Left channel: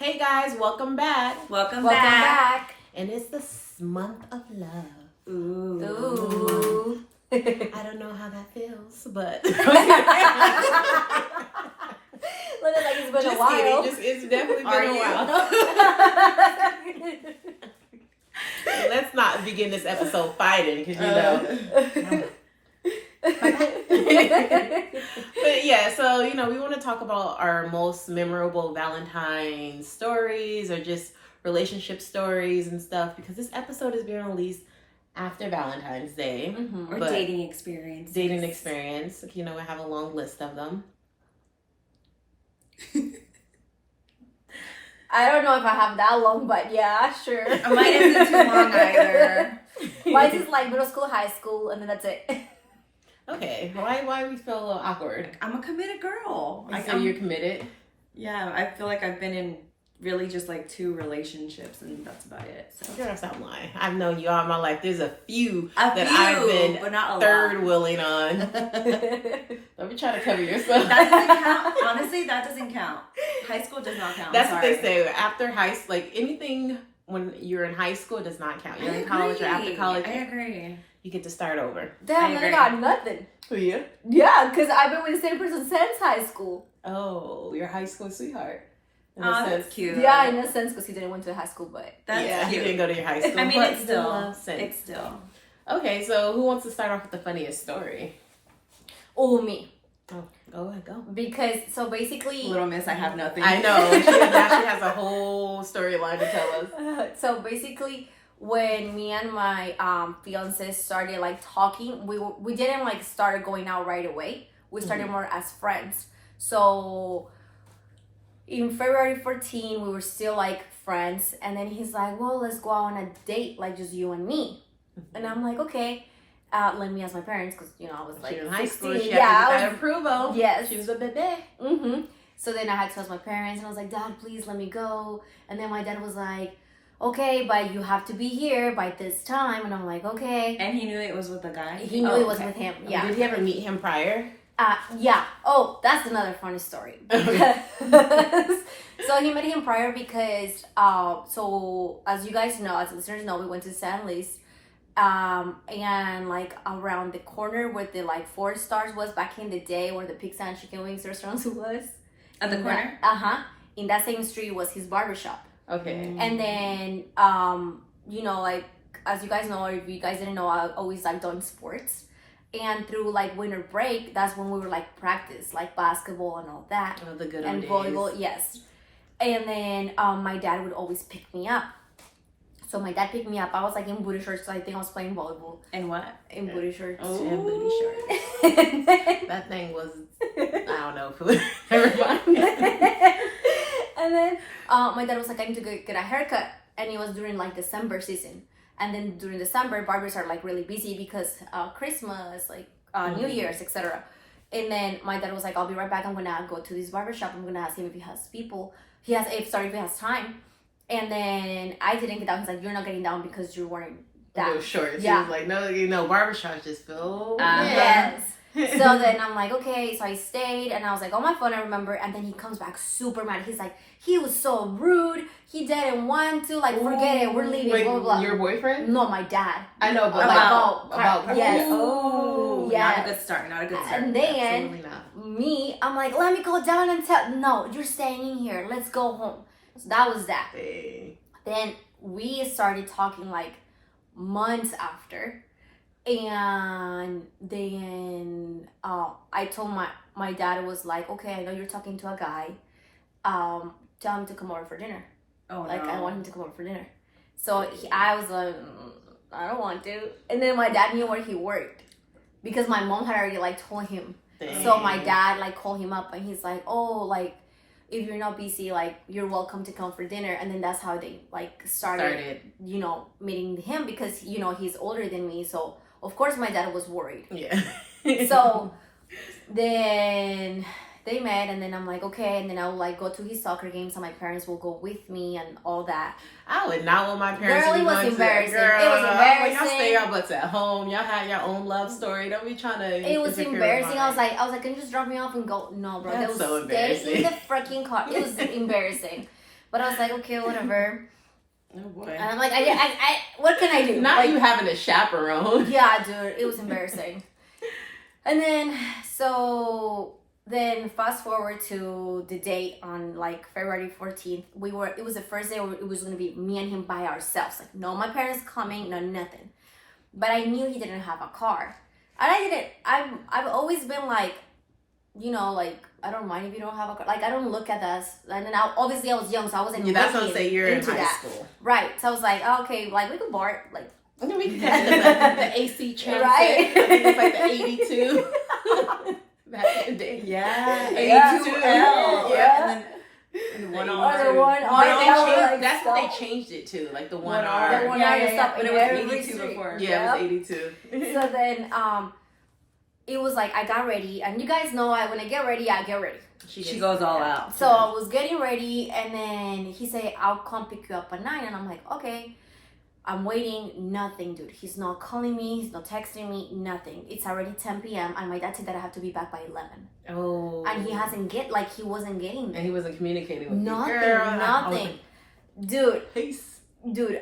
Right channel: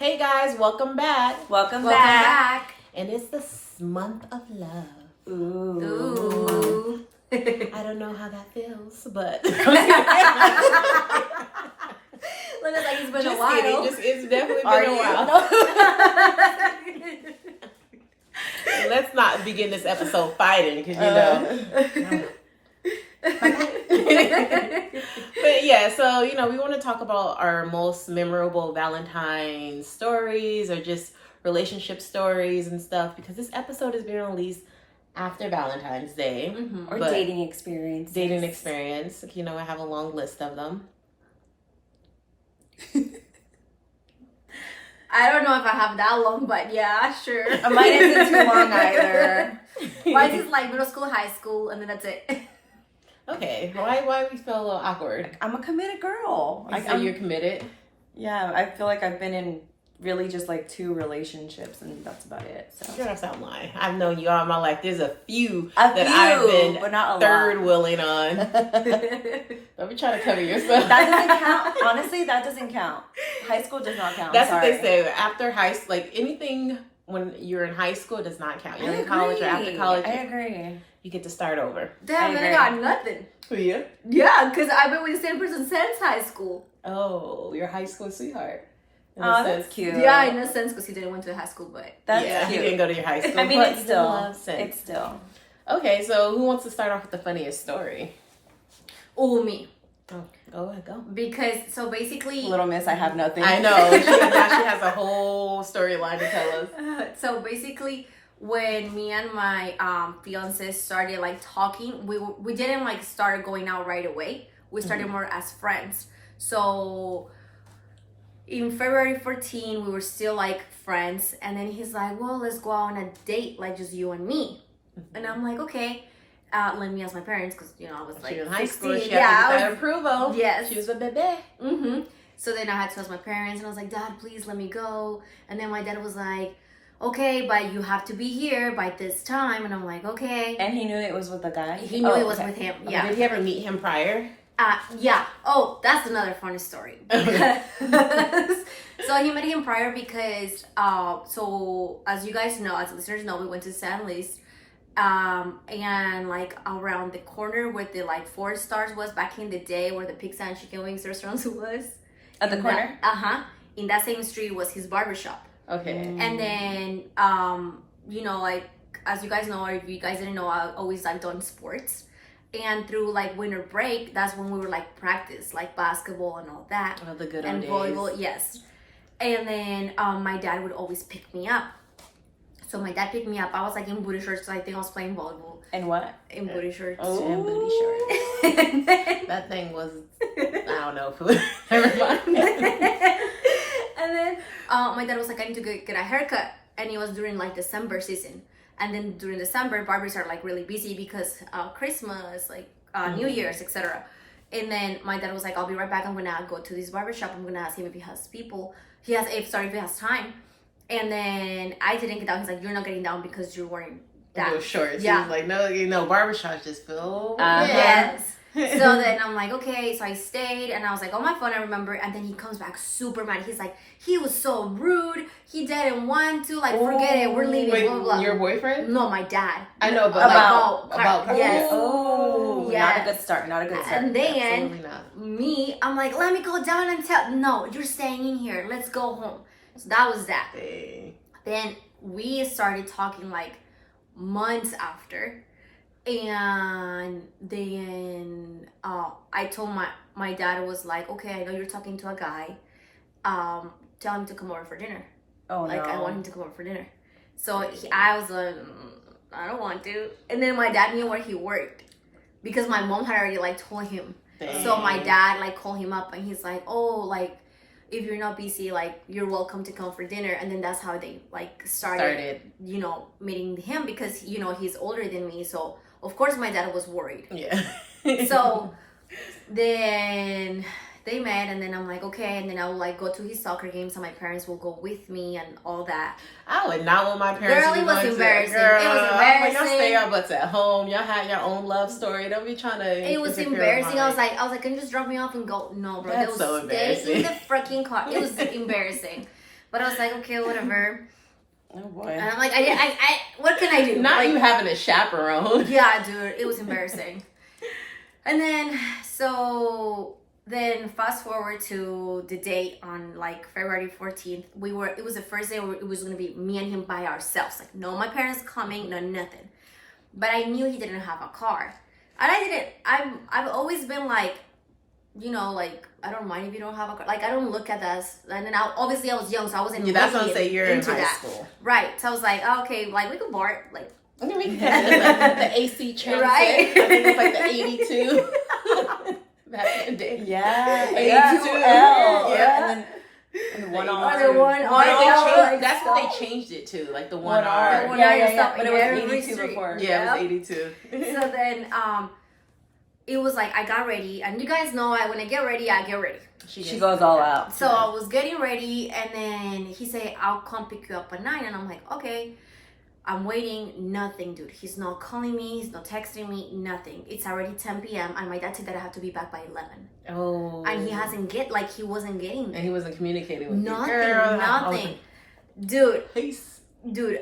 Hey guys, welcome back. Welcome back. And it's the month of love. Ooh. I don't know how that feels, but Look at like it's been just a while. kidding. It's definitely been a while. Let's not begin this episode fighting because But yeah, so we want to talk about our most memorable Valentine stories or just relationship stories and stuff because this episode is being released after Valentine's Day. Or dating experience. Dating experience. I have a long list of them. I don't know if I have that long, but yeah, sure. Mine isn't too long either. Mine is like middle school, high school, and then that's it. Okay, why we feel a little awkward? I'm a committed girl. So you're committed? Yeah, I feel like I've been in really just like 2 relationships and that's about it. So. Girl, stop lying. I've known you all my life. There's a few I've been but not third wheeling on. Don't be trying to cover yourself. That doesn't count. Honestly, that doesn't count. High school does not count. That's what they say. After high school, like anything when you're in high school, it does not count. You're in college or after college. I agree. You get to start over. Damn, then I got nothing. Who you? Yeah, because I've been with the same person since high school. Oh, your high school sweetheart. Oh, that's cute. Yeah, in a sense, because he didn't went to high school, but That's yeah, cute. he didn't go to your high school. I mean, but it's still. It's still. Okay, so who wants to start off with the funniest story? oh, me. Oh, go ahead, go. Because, so basically... Little miss, I have nothing. I know. Now she has a whole storyline to tell us. So basically, when me and my fiance started like talking, we didn't like start going out right away. We started more as friends. So in February 14, we were still like friends, and then he's like, "Well, let's go out on a date, like just you and me." And I'm like, "Okay." Let me ask my parents because I was like she was in high 16. school. She had to get that approval. Yes. She was a baby. So then I had to ask my parents, and I was like, "Dad, please let me go." And then my dad was like, "Okay, but you have to be here by this time." And I'm like, "Okay." And he knew it was with the guy? He knew it was with him. Yeah. Did you ever meet him prior? Yeah. Oh, that's another funny story. So he met him prior because, so as you guys know, as listeners know, we went to San Luis. And like around the corner where the like 4 Stars was back in the day, where the pizza and chicken wings restaurants was. At the corner? In that same street was his barbershop. Okay. And then, like, as you guys know, or if you guys didn't know, I always like done sports. And through like winter break, that's when we were like practice, like basketball and all that. Oh, the good and old days. volleyball, yes. And then my dad would always pick me up. So my dad picked me up. I was like in booty shorts, so I think I was playing volleyball. And what? In booty shorts. Oh, and booty shorts. That thing was, I don't know. Never mind. And then my dad was like, "I need to get a haircut." And it was during like December season. And then during December, barbers are like really busy because Christmas, like New Year's, etc. And then my dad was like, "I'll be right back. I'm gonna go to this barbershop. I'm gonna ask him if he has if he has time." And then I didn't get down. He's like, "You're not getting down because you're wearing that." Those shorts. Yeah. He was like, no, barbershops just feel. Yes. So then I'm like, okay. So I stayed and I was like, on my phone, I remember. And then he comes back super mad. He's like, "He was so rude. He didn't want to. Like, forget it. We're leaving." Wait, blah, blah, blah. your boyfriend? No, my dad. I know, but about yes. Oh, Yes. not a good start. Not a good start. And then Absolutely not. I'm like, "Let me go down and tell." "No, you're staying in here. Let's go home." So that was that. Hey. Then we started talking like months after, and then I told my dad was like, "Okay, I know you're talking to a guy. Tell him to come over for dinner. Oh, Like, no. I want him to come over for dinner." So I was like, "I don't want to." And then my dad knew where he worked because my mom had already like told him. Dang. So my dad like called him up and he's like, "Oh, like, if you're not busy, like, you're welcome to come for dinner." And then that's how they like started. Meeting him because he's older than me. So of course my dad was worried. Yeah. So then they met, and then I'm like, okay. And then I would like go to his soccer games, and my parents will go with me and all that. I would not want my parents Girl, to be it was going embarrassing. to. Girl, It was embarrassing. Y'all stay your butts at home. Y'all had your own love story. Don't be trying to. It was interfere with embarrassing. mine. I was like, "Can you just drop me off and go?" No, bro. That's They was so stay in embarrassing. the freaking car. It was embarrassing. But I was like, okay, whatever. Oh boy. And I'm like, what can I do? Not Like, you having a chaperone. yeah, dude, it was embarrassing. And then then fast forward to the date on like February 14th. It was the first day where it was gonna be me and him by ourselves. Like, no, my parents coming, no nothing. But I knew he didn't have a car. And I've always been like, like, I don't mind if you don't have a car. Like, I don't look at us. And then obviously I was young, so I wasn't That's what I'm saying. You're in into high that. school. Right. So I was like, okay, like, we could BART. Like, I mean, we can catch the AC transit. Right. I think it's like the 82. Back in the day. Yeah. 82. Yeah. And then one The R. 82. Or the one They R, changed- like, that's what stop. they changed it to, like the one The R. one Yeah, R, yeah, you stop but in it was every 82 street. before. Yeah, it was 82. So then it was like I got ready, and you guys know when I get ready, I get ready. She goes all out. So I was getting ready, and then he said, I'll come pick you up at 9. And I'm like, okay. I'm waiting, nothing, dude. He's not calling me, he's not texting me, nothing. It's already 10 p.m. and my dad said that I have to be back by 11. Oh. And he he wasn't getting And he wasn't communicating with nothing, you. Girl, nothing. Dude, Peace.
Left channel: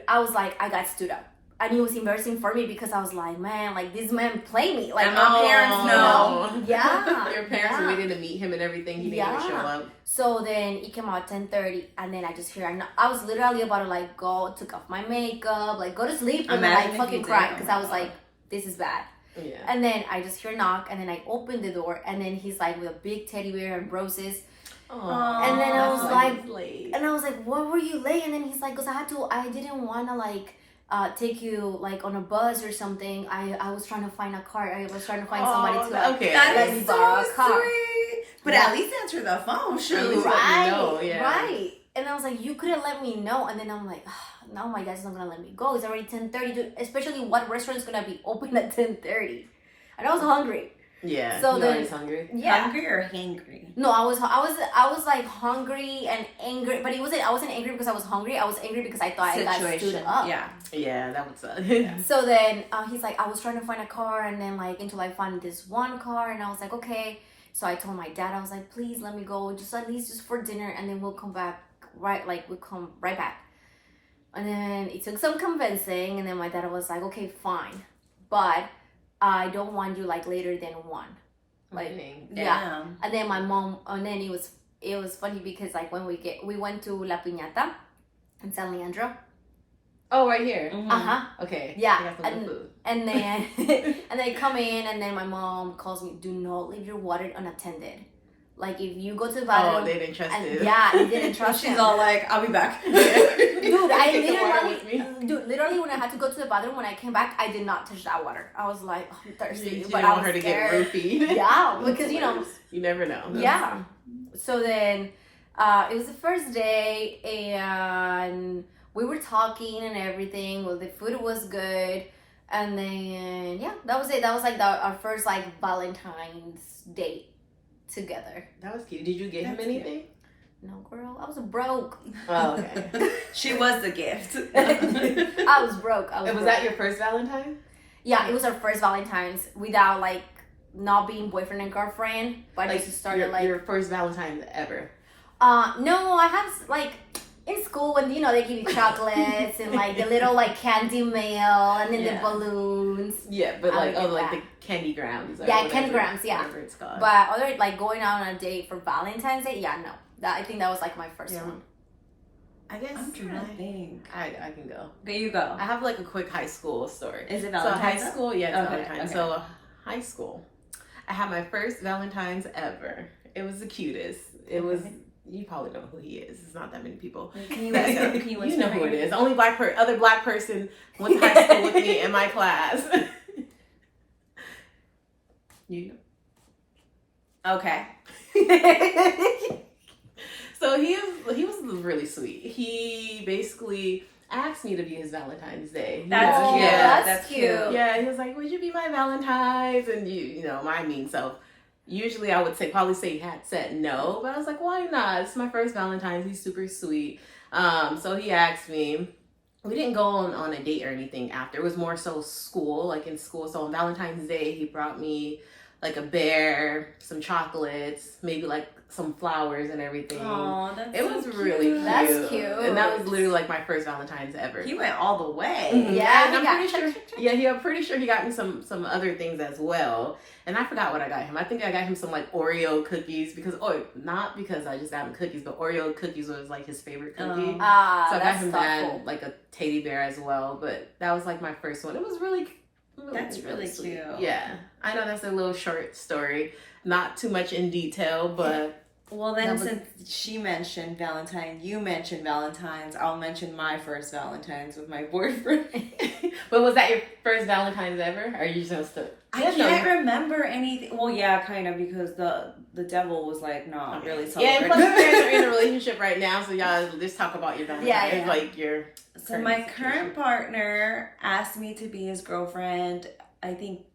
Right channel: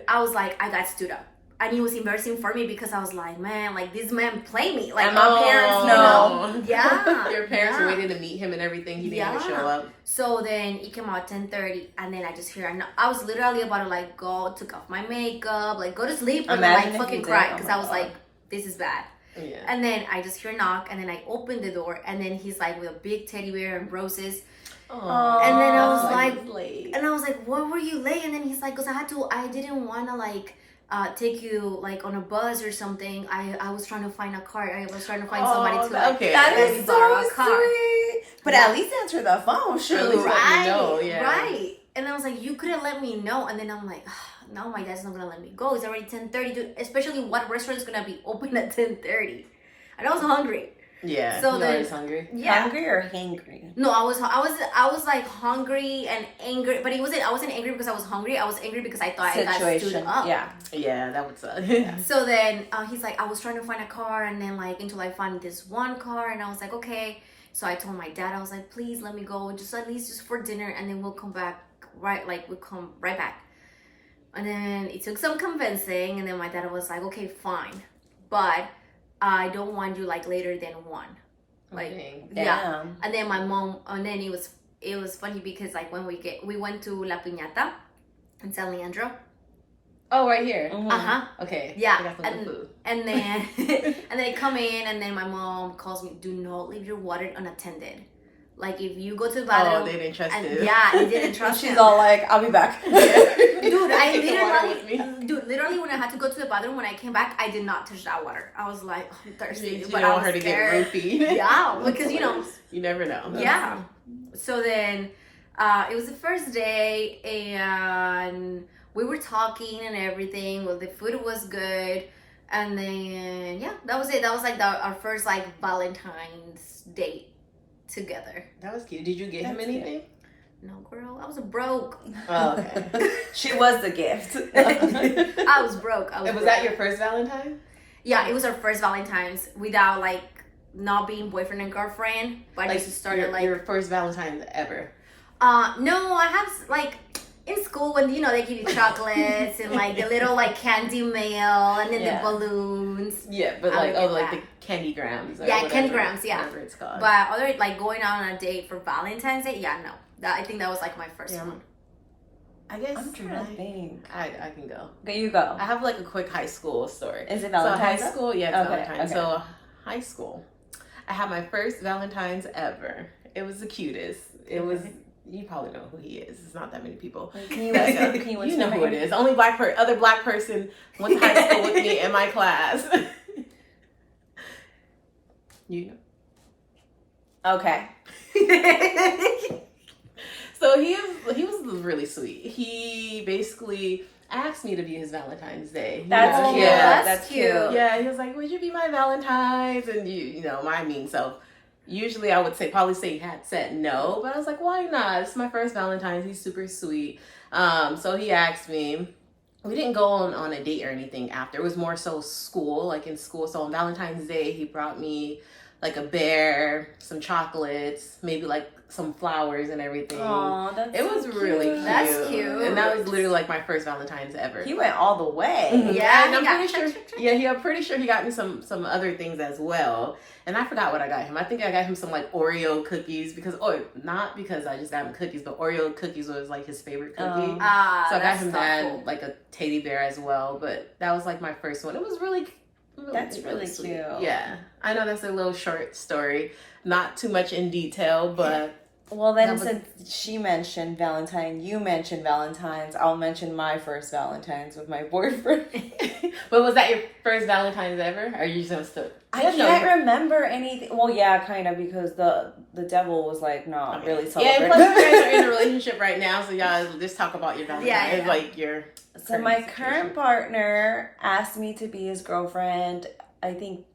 I was like, I got stood up. And it was embarrassing for me because I was like, man, like, this man play me. Like, my parents, yeah. Your parents waited to meet him and everything. He didn't even show up. So then it came out 10:30, and then I just hear, I was literally about to, like, go, took off my makeup, like, go to sleep, and then, like, fucking cry. Because I was like, this is bad. Yeah. And then I just hear a knock, and then I open the door, and then he's, like, with a big teddy bear and roses. Aww, and then I was like, like, what were you late? And then he's like, because I didn't want to, like, take you like on a bus or something. I was trying to find a car. I was trying to find somebody to like, okay. let me borrow a car. Sweet. But at least answer the phone. Sure. At least let me know, yeah. Right. And I was like, you couldn't let me know. And then I'm like, no, my dad's not gonna let me go. It's already 10:30. Dude, especially what restaurant is gonna be open at 10:30? And I was hungry. Yeah. So you then, always hungry. Yeah. Hungry or hangry? No, I was like hungry and angry, but I wasn't angry because I was hungry. I was angry because I thought I got stood up. Yeah. Yeah, that would suck. So then he's like, I was trying to find a car, and then like until I found this one car, and I was like, okay. So I told my dad, I was like, please let me go, just at least just for dinner, and then we'll come back we'll come right back. And then it took some convincing, and then my dad was like, okay, fine, but I don't want you like later than 1. Like, yeah. And then my mom, and then it was funny because like when we went to La Piñata in San Leandro. Oh, right here. Mm-hmm. Okay. Yeah. I got some good food. And then and then I come in, and then my mom calls me, do not leave your water unattended. Like, if you go to the bathroom. Oh, they didn't trust you. Yeah, they didn't trust She's him. all like, I'll be back. Dude, literally when I had to go to the bathroom, when I came back, I did not touch that water. I was like, I'm thirsty. You but don't I want was her to scared. get roofied. Yeah, because you never know. Yeah. So then it was the first day, and we were talking and everything. Well, the food was good. And then, yeah, that was it. That was like our first like Valentine's date together. That was cute. Did you get him anything? No, girl, I was broke. Oh, okay. She was the gift. I was broke. Was that your first Valentine? Yeah, it was our first Valentine's without like not being boyfriend and girlfriend. But Like, I just started your first Valentine's ever. No, I have like in school when they give you chocolates and like the little like candy mail and then the balloons. Yeah, but I like would get like that. the candy grams. Or Yeah, whatever, candy grams, yeah. Whatever it's called. But other like going out on a date for Valentine's Day, yeah, no. I think that was like my first one. I guess I'm trying to think. I can go. Okay, you go. I have like a quick high school story. Is it So Valentine's? high school, yeah, it's Okay, Valentine's. okay. So high school, I had my first Valentine's ever. It was the cutest. It was. You probably know who he is. It's not that many people. Can you You know who it is. Only other black person went to high school with me in my class. You know. Okay. So he was really sweet. He basically asked me to be his Valentine's Day. That's cute. Yeah. That's cute. Yeah, he was like, "Would you be my Valentine's?" And you know, my mean self. Usually I would probably say he had said no, but I was like, why not? It's my first Valentine's. He's super sweet. So he asked me. We didn't go on a date or anything after. It was more so school, like in school. So on Valentine's Day, he brought me like a bear, some chocolates, maybe like some flowers and everything. Oh, that's It was so really cute. cute. That's cute. And that was literally like my first Valentine's ever. He went all the way. Mhm. Yeah, and he I'm got- pretty sure. Yeah, I'm pretty sure he got me some other things as well. And I forgot what I got him. I think I got him some like Oreo cookies because not because I just got him cookies, but Oreo cookies was like his favorite cookie. So I got that's him thoughtful. that, like a teddy bear as well. But that was like my first one. It was really. That's really sweet. cute. Yeah, I know that's a little short story, not too much in detail, but. Well, then That was- since she mentioned Valentine, you mentioned Valentine's, I'll mention my first Valentine's with my boyfriend. But was that your first Valentine's ever? Or are you just still? I Yeah, no, can't remember anything. Well, yeah, kind of, because the devil was like, no, Okay. really Yeah, celebrating. and plus you guys are in a relationship right now, so y'all just talk about your Valentine's, Yeah. like your. So current my situation. current partner asked me to be his girlfriend, I think,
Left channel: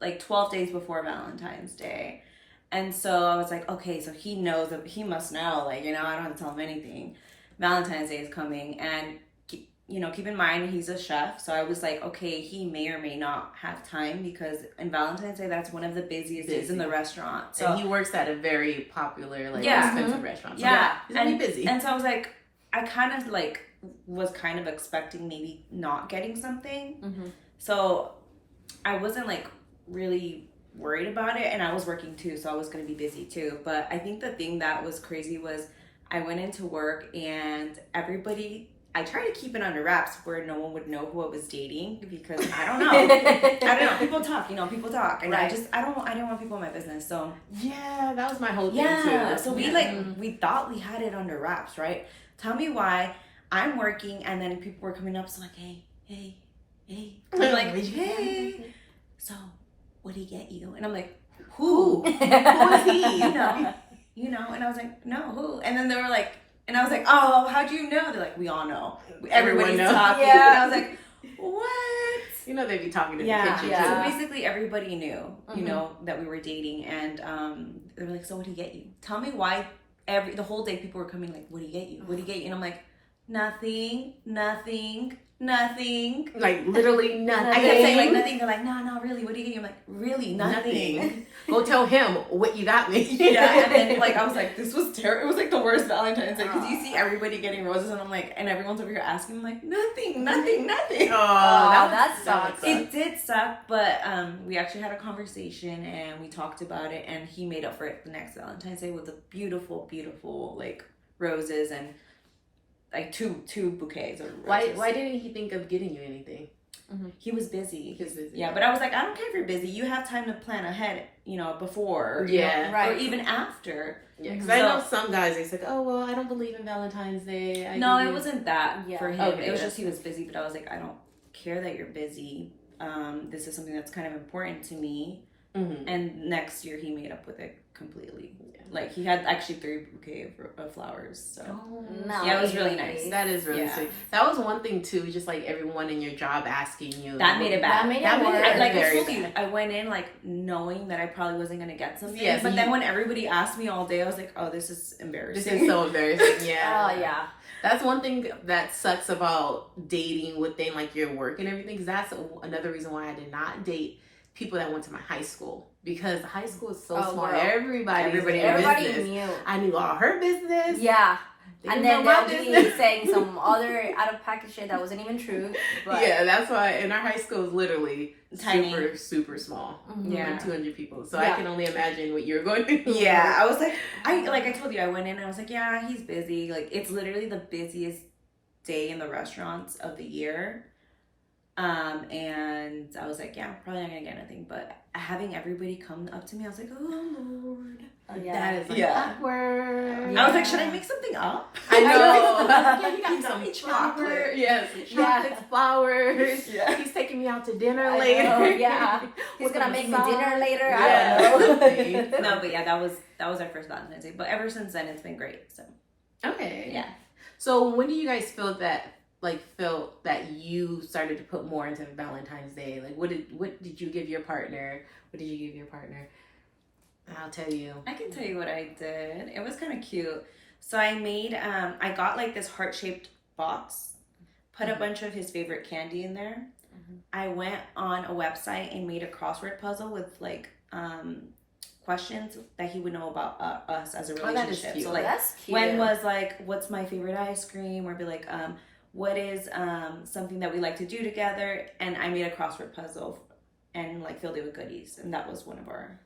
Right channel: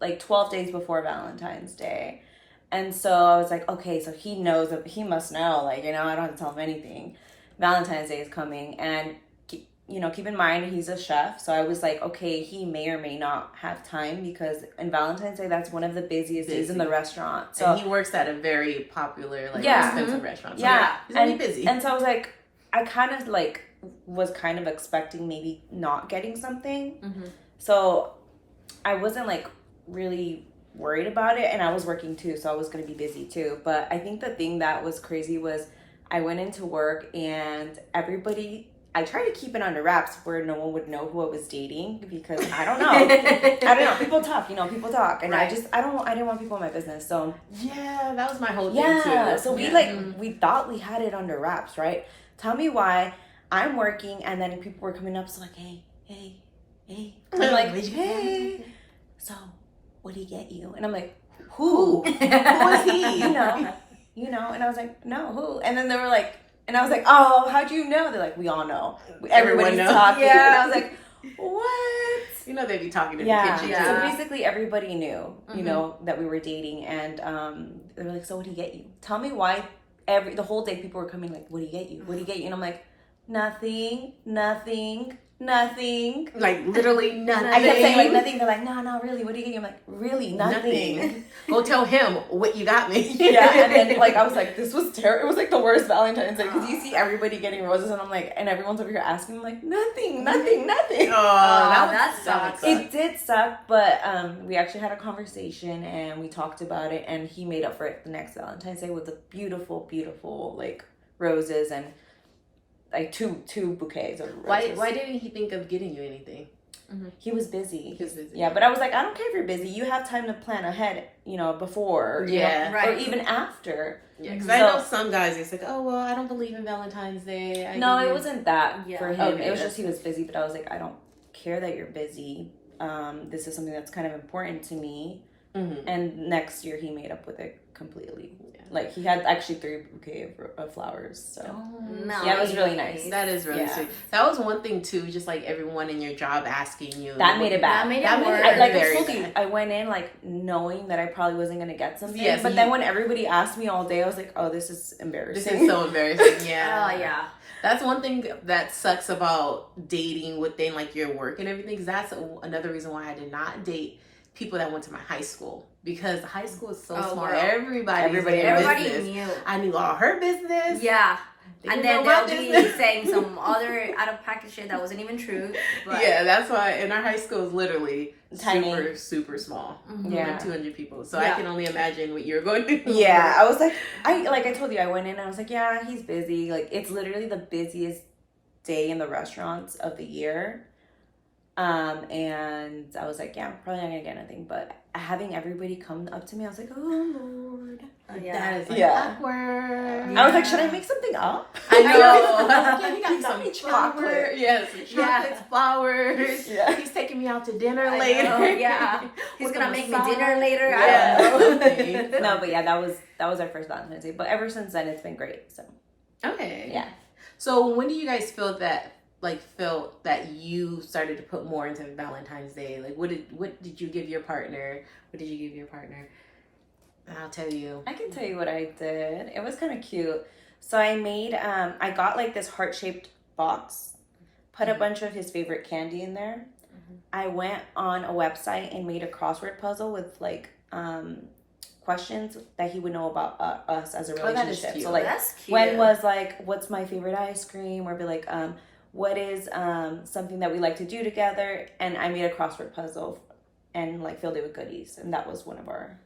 like 12 days before Valentine's Day. And so I was like, okay, so he knows, he must know, like, I don't have to tell him anything. Valentine's Day is coming. And, keep in mind, he's a chef. So I was like, okay, he may or may not have time because in Valentine's Day, that's one of the busiest days in the restaurant. So And he works at a very popular, like, Yeah. expensive restaurant. So Yeah. he's really busy. And so I was like, I kind of like was kind of expecting maybe not getting something. Mm-hmm. So I wasn't like really worried about it, and I was working too, so I was going to be busy too. But I think the thing that was crazy was I went into work and I tried to keep it under wraps where no one would know who I was dating because I don't know. People talk, and Right. I didn't want people in my business. So Yeah, that was my whole thing yeah, too. so we thought we had it under wraps, right? Tell me why I'm working and then people were coming up, so like, hey. I'm like, Did you get hey. So, what did he get you? And I'm like, who? Who is he? And I was like, no, who? And then they were like, and I was like, oh, how'd you know? They're like, we all know. Everyone Everybody's knows. talking. Yeah. And I was like, what? They'd be talking in Yeah. the kitchen Yeah. So basically everybody knew, Mhm. that we were dating, and they were like, so what did he get you? Tell me why the whole day people were coming like, what did he get you? What did he get you? And I'm like, nothing. too. Like, literally nothing. I kept saying like nothing. They're like, no, really, what did you get you? I'm like, really, nothing. Nothing. Go tell him what you got me. Yeah, and then like I was like, this was terrible. It was like the worst Valentine's Day because you see everybody getting roses, and I'm like, and everyone's over here asking, I'm like, nothing. Oh, that would sucks. suck. It did suck, but we actually had a conversation and we talked about it, and he made up for it the next Valentine's Day with the beautiful, beautiful like roses and like two bouquets of roses. Why didn't he think of getting you anything? He was busy. He was busy. Yeah, but I was like, I don't care if you're busy. You have time to plan ahead, before. Yeah. Right. Or even after. Yeah, because So- I know some guys, it's like, oh, well, I don't believe in Valentine's Day. No, it wasn't that Yeah. for him. Okay, It was that's just he was busy, but I was like, I don't care that you're busy. This is something that's kind of important to me. Mm-hmm. And next year he made up with it completely. Yeah. Like he had actually 3 bouquets of flowers. So No. yeah, it was really nice. That is really Yeah. sweet. That was one thing too, just like everyone in your job asking you. that made it bad. That made it That made worse. it Like I very told you, bad. I went in like knowing that I probably wasn't gonna get something. Yeah, so but you- then when everybody asked me all day, I was like, oh, this is embarrassing. This is so embarrassing. Yeah. Oh yeah. That's one thing that sucks about dating within like your work and everything. Because that's another reason why I did not date people that went to my high school, because high school is so Oh, small. girl. Everybody is in your Everybody business. knew. I knew all her business. Yeah. They And didn't then know my they'll be business. saying some other out of package shit that wasn't even true. But Yeah, that's why. And our high school is literally Tiny. super small. Mhm. Yeah. Like 200 people. So Yeah. I can only imagine what you're going through. Yeah, I was like, I told you, I went in and I was like, yeah, he's busy. Like it's literally the busiest day in the restaurants of the year. And I was like, yeah, I'm probably not gonna get nothing. But having everybody come up to me, I was like, oh Lord. That is like Yeah. awkward. I was like, should I make something up? I know. I was Yeah, like, he got "You some me chocolate. Yeah, some Yeah. chocolates, flowers. Yeah. He's taking me out to dinner I later. know, yeah. He's With gonna a make me massage. dinner later. Yeah, I don't know. something. No, but yeah, that was our first Valentine's Day. But ever since then, it's been great. So Okay. yeah. So when do you guys felt that you started to put more into Valentine's Day? Like what did you give your partner? What did you give your partner? I'll tell you. I can tell you what I did. It was kind of cute. So I made, I got like this heart-shaped box, put a bunch of his favorite candy in there. Mhm. I went on a website and made a crossword puzzle with like questions that he would know about us as a Oh, that is relationship. cute. So like, That's cute. when was like, what's my favorite ice cream? Or be like, what is something that we like to do together? And I made a crossword puzzle and like filled it with goodies, and that was one of our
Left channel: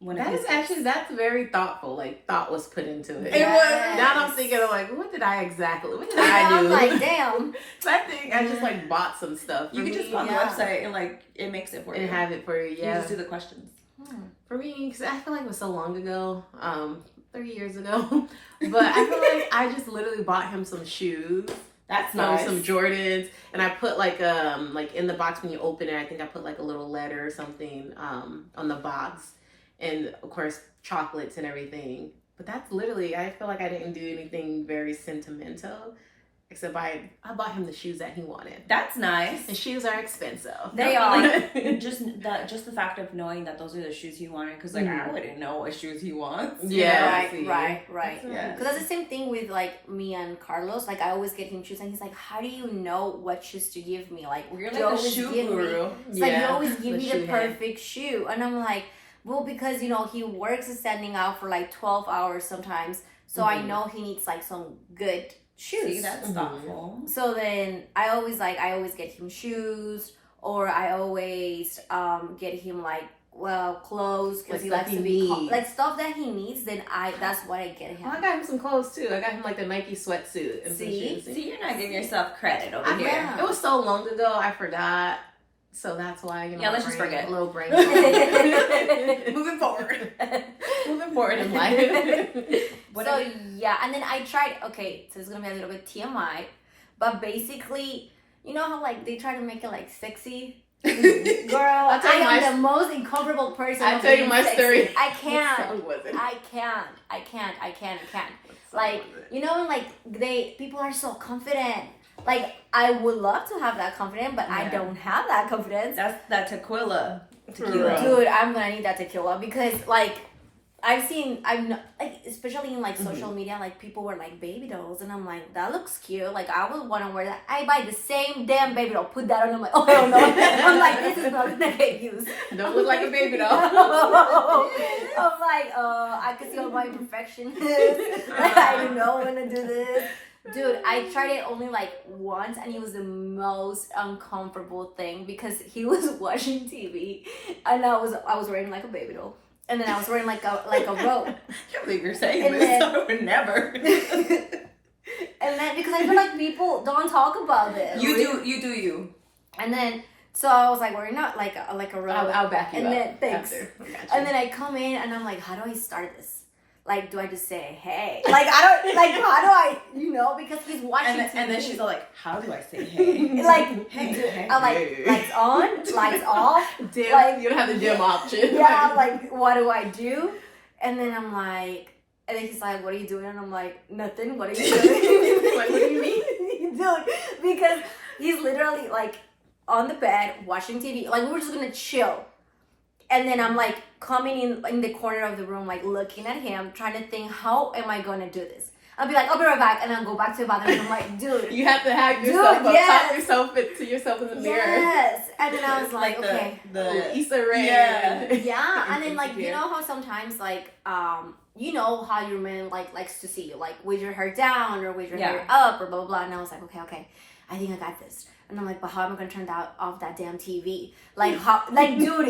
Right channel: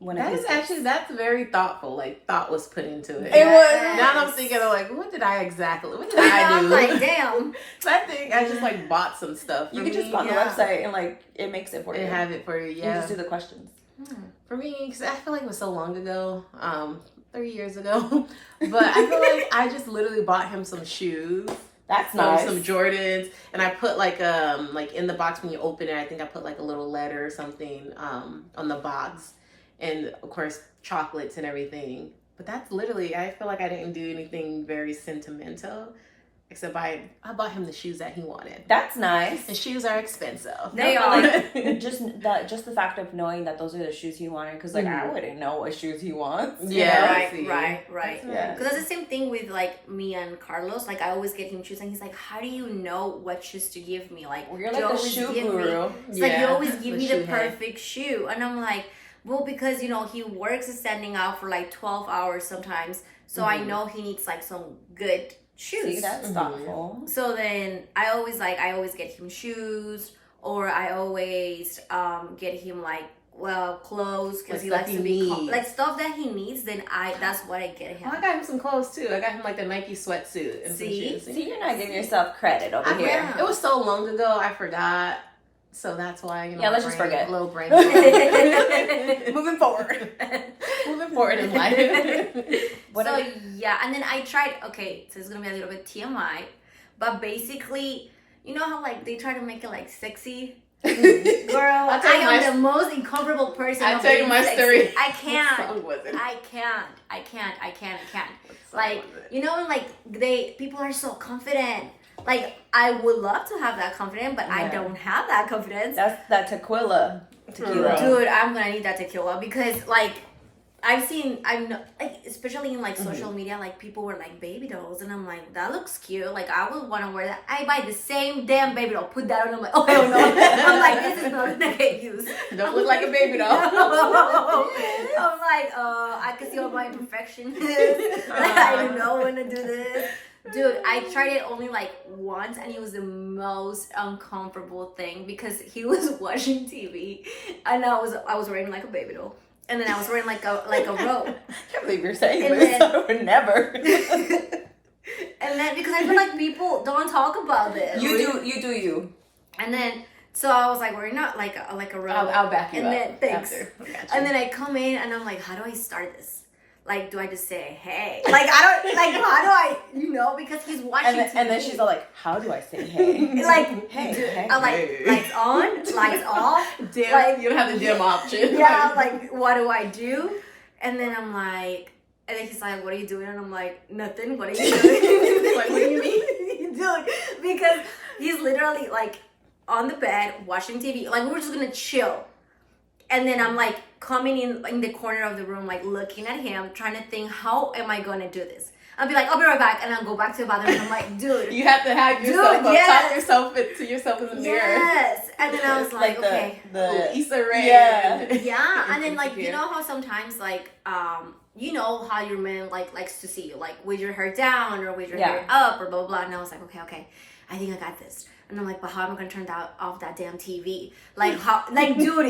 That's very thoughtful. Like thought was put into it. It was. Now I'm thinking of like, what did I do? I'm like, damn. So I think I just like bought some stuff. You can just go on the website and like it makes it for you and have it for you. You Yeah. just do the questions. For me, because I feel like it was so long ago, 3 years ago, but I feel like I just literally bought him some shoes. That's nice. Some Jordans, and I put like in the box when you open it, I think I put like a little letter or something on the box, and of course chocolates and everything. But that's literally, I feel like I didn't do anything very sentimental, except I bought him the shoes that he wanted. That's nice. And shoes are expensive. They are. just the fact of knowing that those are the shoes he wanted, because like I wouldn't know what shoes he wants. Yeah, right. That's Because that's the same thing with like me and Carlos. Like I always get him shoes, and he's like, "How do you know what shoes to give me? Like You're you like the always shoe give me- guru. It's like you Yeah, always give the me shoe the head. perfect shoe," and I'm like, "Well, because he works standing out for like 12 hours sometimes, so I know he needs like some good shoes." See, that's thoughtful. So then I always get him shoes, or I always get him like clothes, because Like he stuff likes he to be needs. like stuff that he needs. Then that's what I get him. Oh, I got him some clothes too. I got him like the Nike sweatsuit and some See? shoes. See, you're not giving yourself credit over here. Yeah. It was so long ago, I forgot. So that's why, Yeah, my let's just brain- forget. Little brain. Moving forward. Moving forward in life. Yeah, and then I tried. Okay, so it's gonna be a little bit TMI, but basically, you know how like they try to make it like sexy. Girl, I'll tell I you am my- the most incomparable person. I'll of tell you being my sexy. story. I What can't. song was it? I can't. What song Like, was it? you know, like people are so confident. Like, I would love to have that confidence, but I Yeah. don't have that confidence. That's that tequila. For real. Dude, I'm gonna need that tequila, because like I'm not, like, especially in like social media, like people wear like baby dolls, and I'm like, that looks cute. Like I would want to wear that. I buy the same damn baby doll, put that on. I'm like, oh hell no. I'm like, this is not gonna get used. Don't look like a baby doll. I'm like, I can see all my imperfections. I don't know when to do this. Dude, I tried it only like once, and it was the most uncomfortable thing, because he was watching TV, and I was wearing like a baby doll, and then I was wearing like a robe. I can't believe you're saying And this. then- I would never. And then, because I feel like people don't talk about this. You do you. And then, so I was like wearing not like a robe. I'll back you And up. then, thanks. After. I got you. And then I come in, and I'm like, how do I start this? Like, do I just say hey? Like, I don't, like, how do I, because he's watching TV. And then she's all like, how do I say hey? like, Hey. I'm like, Hey. lights on, lights off. dim. like- You don't have the dim option. Yeah, like, what do I do? And then I'm like, and then he's like, what are you doing? And I'm like, nothing. What are you doing? Like, what do you mean? Dude, because he's literally like on the bed watching TV. Like, we were just gonna chill. And then I'm like coming in the corner of the room, like looking at him, trying to think, how am I gonna do this? I'll be like, I'll be right back, and I'll go back to the bathroom, and I'm like, dude. You have to have yourself Dude, up, yes. talk to yourself in the mirror. Yes. And then I was like, the, okay. the Issa Rae. Yeah. Yeah, and then like Insecure. you know how sometimes like you know how your man like likes to see you like with your hair down or with your hair up or blah blah blah, and I was like, okay, I think I got this. And I'm like, but how am I gonna turn off that damn TV? Like how, like dude,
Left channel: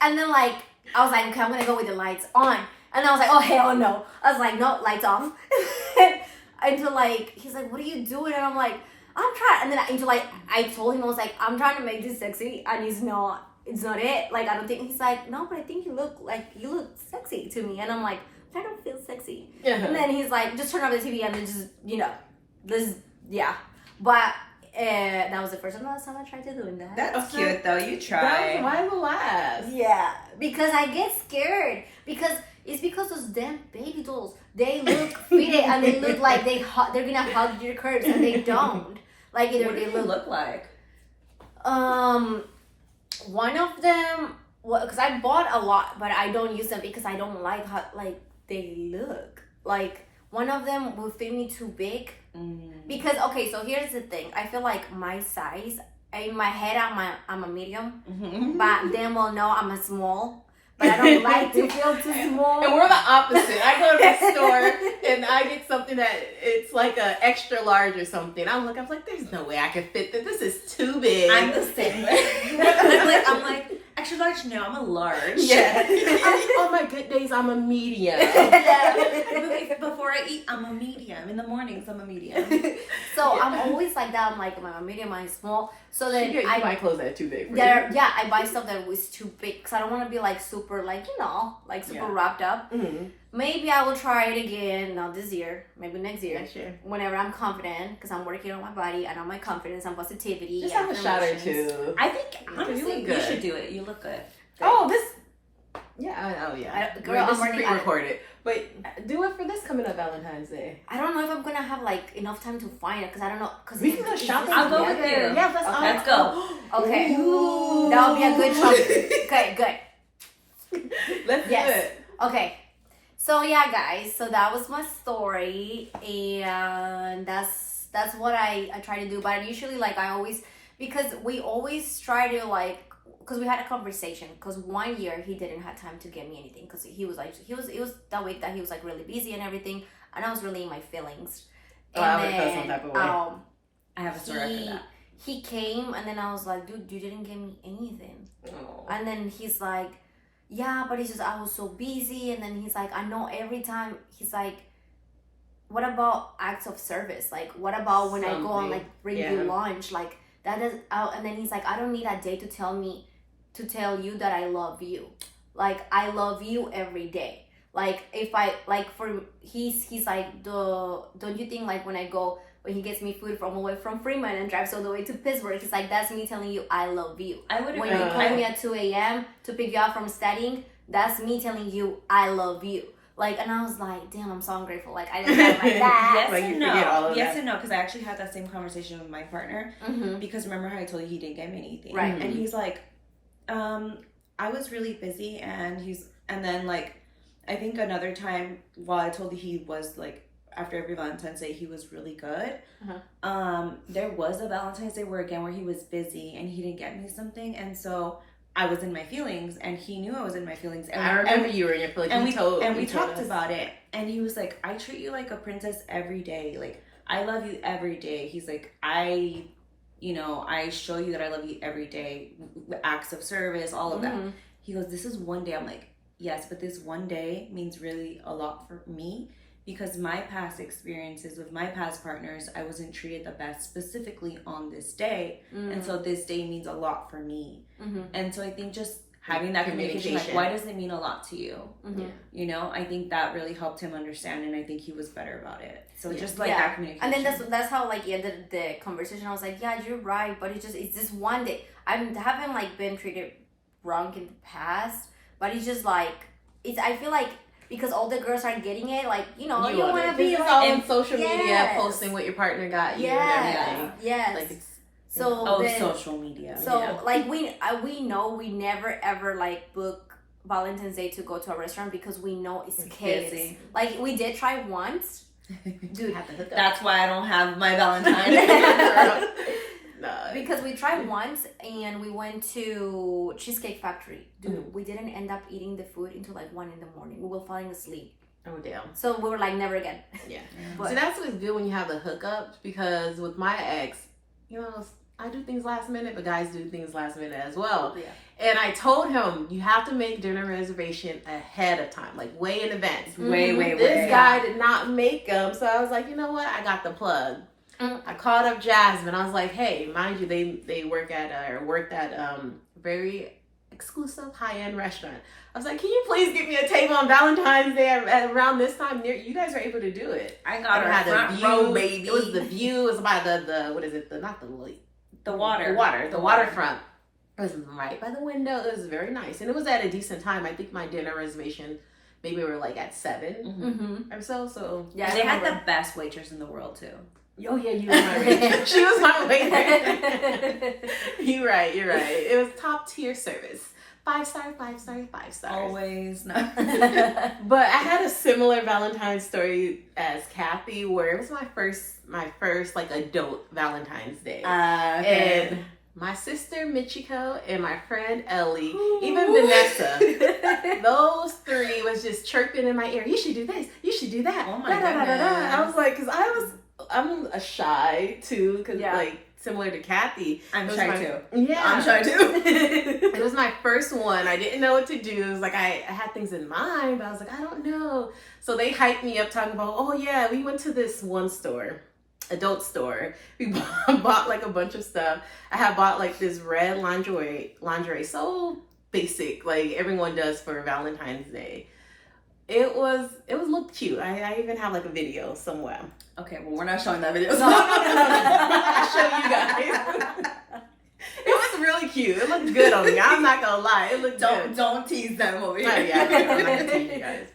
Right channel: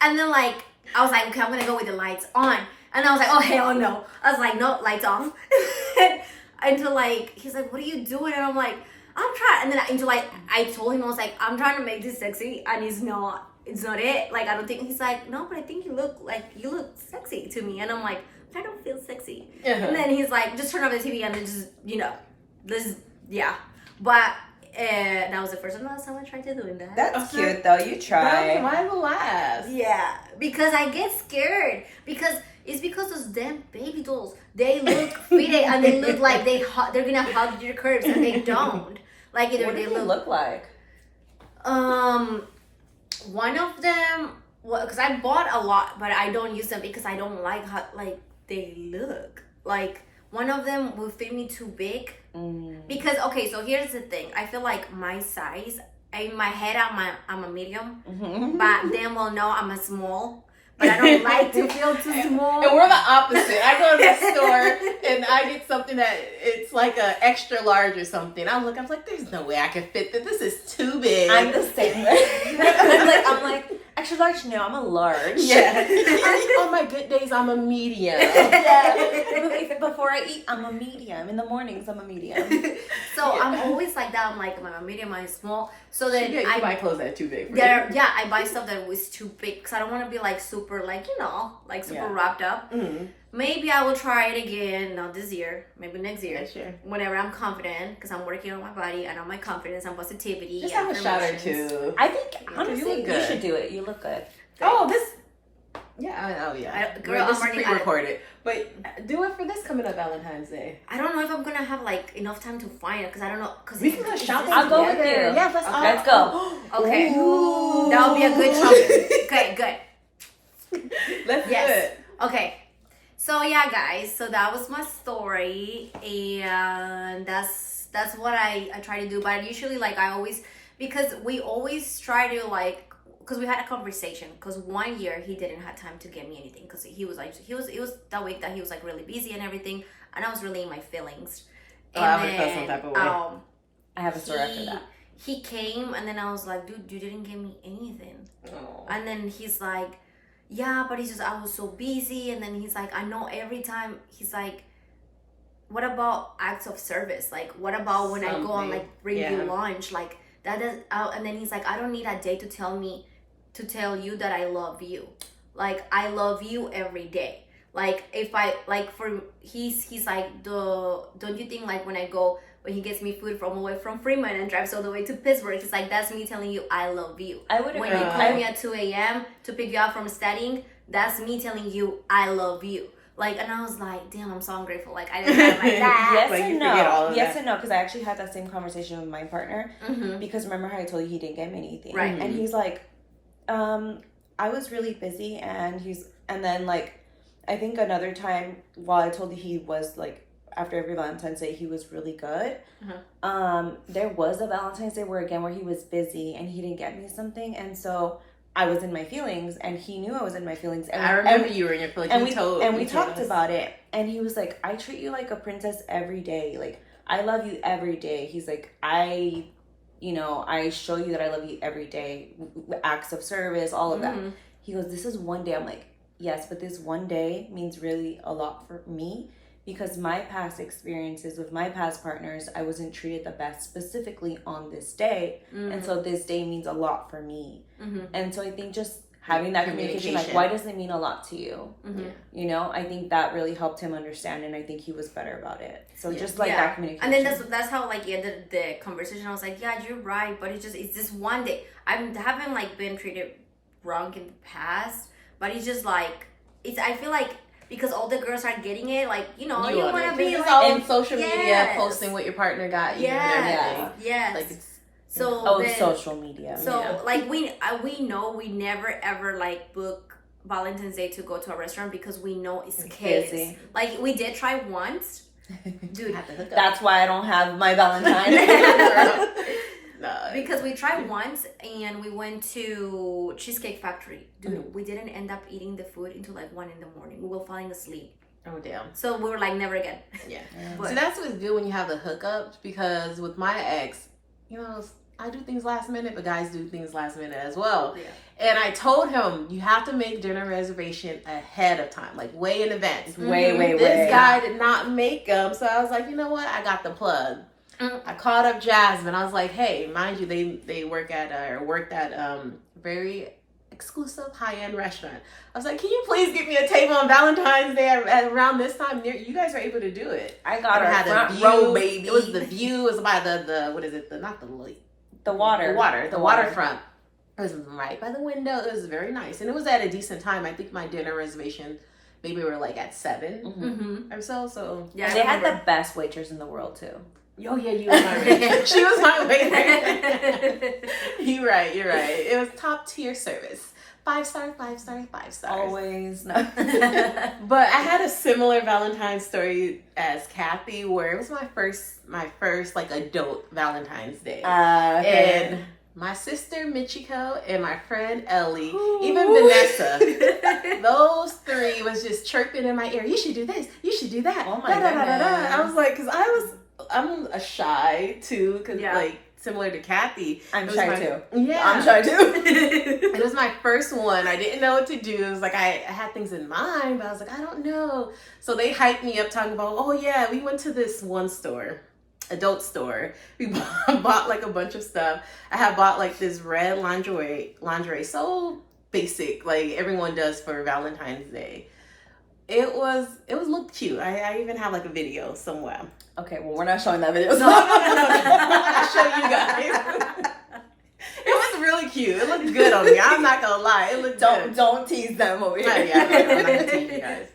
and then like I was like, okay, I'm gonna go with the lights on, and I was like, oh hell no. I was like, no, lights off. Until like he's like, what are you doing? And I'm like, I'm trying. And then until like I told him, I was like, I'm trying to make this sexy, and it's not it. Like I don't think. He's like, no, but I think you look sexy to me. And I'm like, I don't feel sexy. And then he's like, just turn off the TV and then just this But that was the first and last time I tried to do that. That's cute though. You That try. was my last. Yeah, because I get scared because those damn baby dolls, they look fitted and they look like they're gonna hug your curves, and they don't. Like either What do they they look like? One of them, because I bought a lot, but I don't use them because I don't like how like they look. Like one of them will fit me too big. Because okay, so here's the thing. I feel like my size, in my head I'm a medium, but them will know I'm a small. but I don't like to feel too small. And we're the opposite. I go to the store and I get something that it's like a extra large or something. I was like, there's no way I can fit this. This is too big. I'm the same. I'm like, extra large? No, I'm a large. Yeah. On my good days, I'm a medium. Yeah. Before I eat, I'm a medium. In the mornings, I'm a medium. So Yeah. I'm always like that. I'm like, am I a medium? Am I small? So then You I buy clothes that are too big for you. I buy stuff that was too big because I don't want to be like super, like, like super wrapped up. Mm-hmm. Maybe I will try it again, not this year, maybe next year. Next year. Whenever I'm confident, because I'm working on my body and on my confidence and positivity. Just and have a shot or affirmations. two. I think, You honestly, look you good. should do it. You look good. Oh, this. Yeah, oh yeah. Girl, this I'm is already- pre-recorded, but do it for this coming up Valentine's Day. I don't know if I'm gonna have like enough time to find it because I don't know. Cause We can go shopping I'll go with together. you. Yeah, let's Okay. all Let's go. Okay, Ooh. that would be a good shopping. Okay, good. Let's Yes. do it. Okay, so yeah, guys. So that was my story, and that's what I try to do. But usually, like I always, because we always try to like. Because we had a conversation. Because 1 year he didn't have time to get me anything. Because he was like it was that week that he was like really busy and everything, and I was really in my feelings. Oh, I would feel some type of way. I have a story after that. He came and then I was like, dude, you didn't give me anything. Oh. And then he's like, yeah, but he's just, I was so busy. And then he's like, I know every time. He's like, what about acts of service? Like, what about when I go and like bring you lunch? Like that does. And then he's like, I don't need a day to tell you that I love you. Like I love you every day. Like if I like for he's like don't you think like when he gets me food from away from Fremont and drives all the way to Pittsburgh, it's like that's me telling you I love you. I would When you call me at 2 a.m. to pick you up from studying, that's me telling you I love you. Like, and I was like, damn, I'm so ungrateful. Like I didn't have like that. Yes Like, and you no. forget all of yes that. and no, because I actually had that same conversation with my partner. Mm-hmm. Because remember how I told you he didn't get me anything, Right. And he's like, I was really busy, and then like, I think another time while I told you he was like, after every Valentine's Day he was really good. There was a Valentine's Day where he was busy and he didn't get me something, and so I was in my feelings, and he knew I was in my feelings. And I remember you were in your feelings. and we we told talked us. about it, and he was like, I treat you like a princess every day. Like I love you every day. He's like, I show you that I love you every day. Acts of service, all of that. He goes, this is one day. I'm like, yes, but this one day means really a lot for me, because my past experiences with my past partners, I wasn't treated the best specifically on this day. And so this day means a lot for me. And so I think just having that communication, like, why does it mean a lot to you? You know, I think that really helped him understand, and I think he was better about it. So just like that communication. And then that's how like ended the conversation. I was like, yeah, you're right, but it's just one day. I haven't like been treated wrong in the past, but it's just like I feel like because all the girls are getting it, like you want to be it's like, all on social media, yes. posting what your partner got you and everything. Yes. Like it's then, social media. So like we know we never ever like book Valentine's Day to go to a restaurant because we know it's kids. Busy. Like we did try once, dude. have to hook up. That's why I don't have my Valentine. No. Because we tried once and we went to Cheesecake Factory. Dude, we didn't end up eating the food until like 1 a.m. We were falling asleep. Oh damn. So we were like, never again. Yeah. But- So that's what's good when you have the hookups, because with my ex, I do things last minute, but guys do things last minute as well. Yeah. And I told him, you have to make dinner reservation ahead of time, like way in advance. Way. This guy did not make them, so I was like, you know what? I got the plug. I called up Jasmine. I was like, hey, mind you, they worked at very exclusive high-end restaurant. I was like, can you please get me a table on Valentine's Day at around this time? You guys were able to do it. I got It had a a front view. row, baby. It was the view. It was by the what is it? The waterfront. It was right by the window. It was very nice, and it was at a decent time. I think my dinner reservation maybe we were like at 7 or so. So Yeah, And they had the best waitress in the world too. oh yeah, you were my waiter. She was my waiter. You're right. It was top tier service. 5-star, 5-star, 5-star. Always. No. But I had a similar Valentine's story as Kathy, where it was my first like adult Valentine's Day. Okay. And my sister Michiko and my friend Ellie, even Vanessa, those three was just chirping in my ear. You should do this. You should do that. Oh my Da-da-da-da-da. goodness. I was like, I'm a shy too, because like similar to Kathy. I'm shy too. Yeah, I'm shy too. It was my first one. I didn't know what to do. It was like I had things in mind, but I was like, I don't know. So they hyped me up talking about, oh yeah, we went to this one store, adult store. We bought like a bunch of stuff. I had bought like this red lingerie, so basic, like everyone does for Valentine's Day. It was looked cute. I even have like a video somewhere. Okay, well, we're not showing that video. No. I'll show you guys. It was really cute. It looked good on me. I'm not gonna lie. It looked good. Don't tease them over here. Oh, yeah, I'm not gonna tease you guys.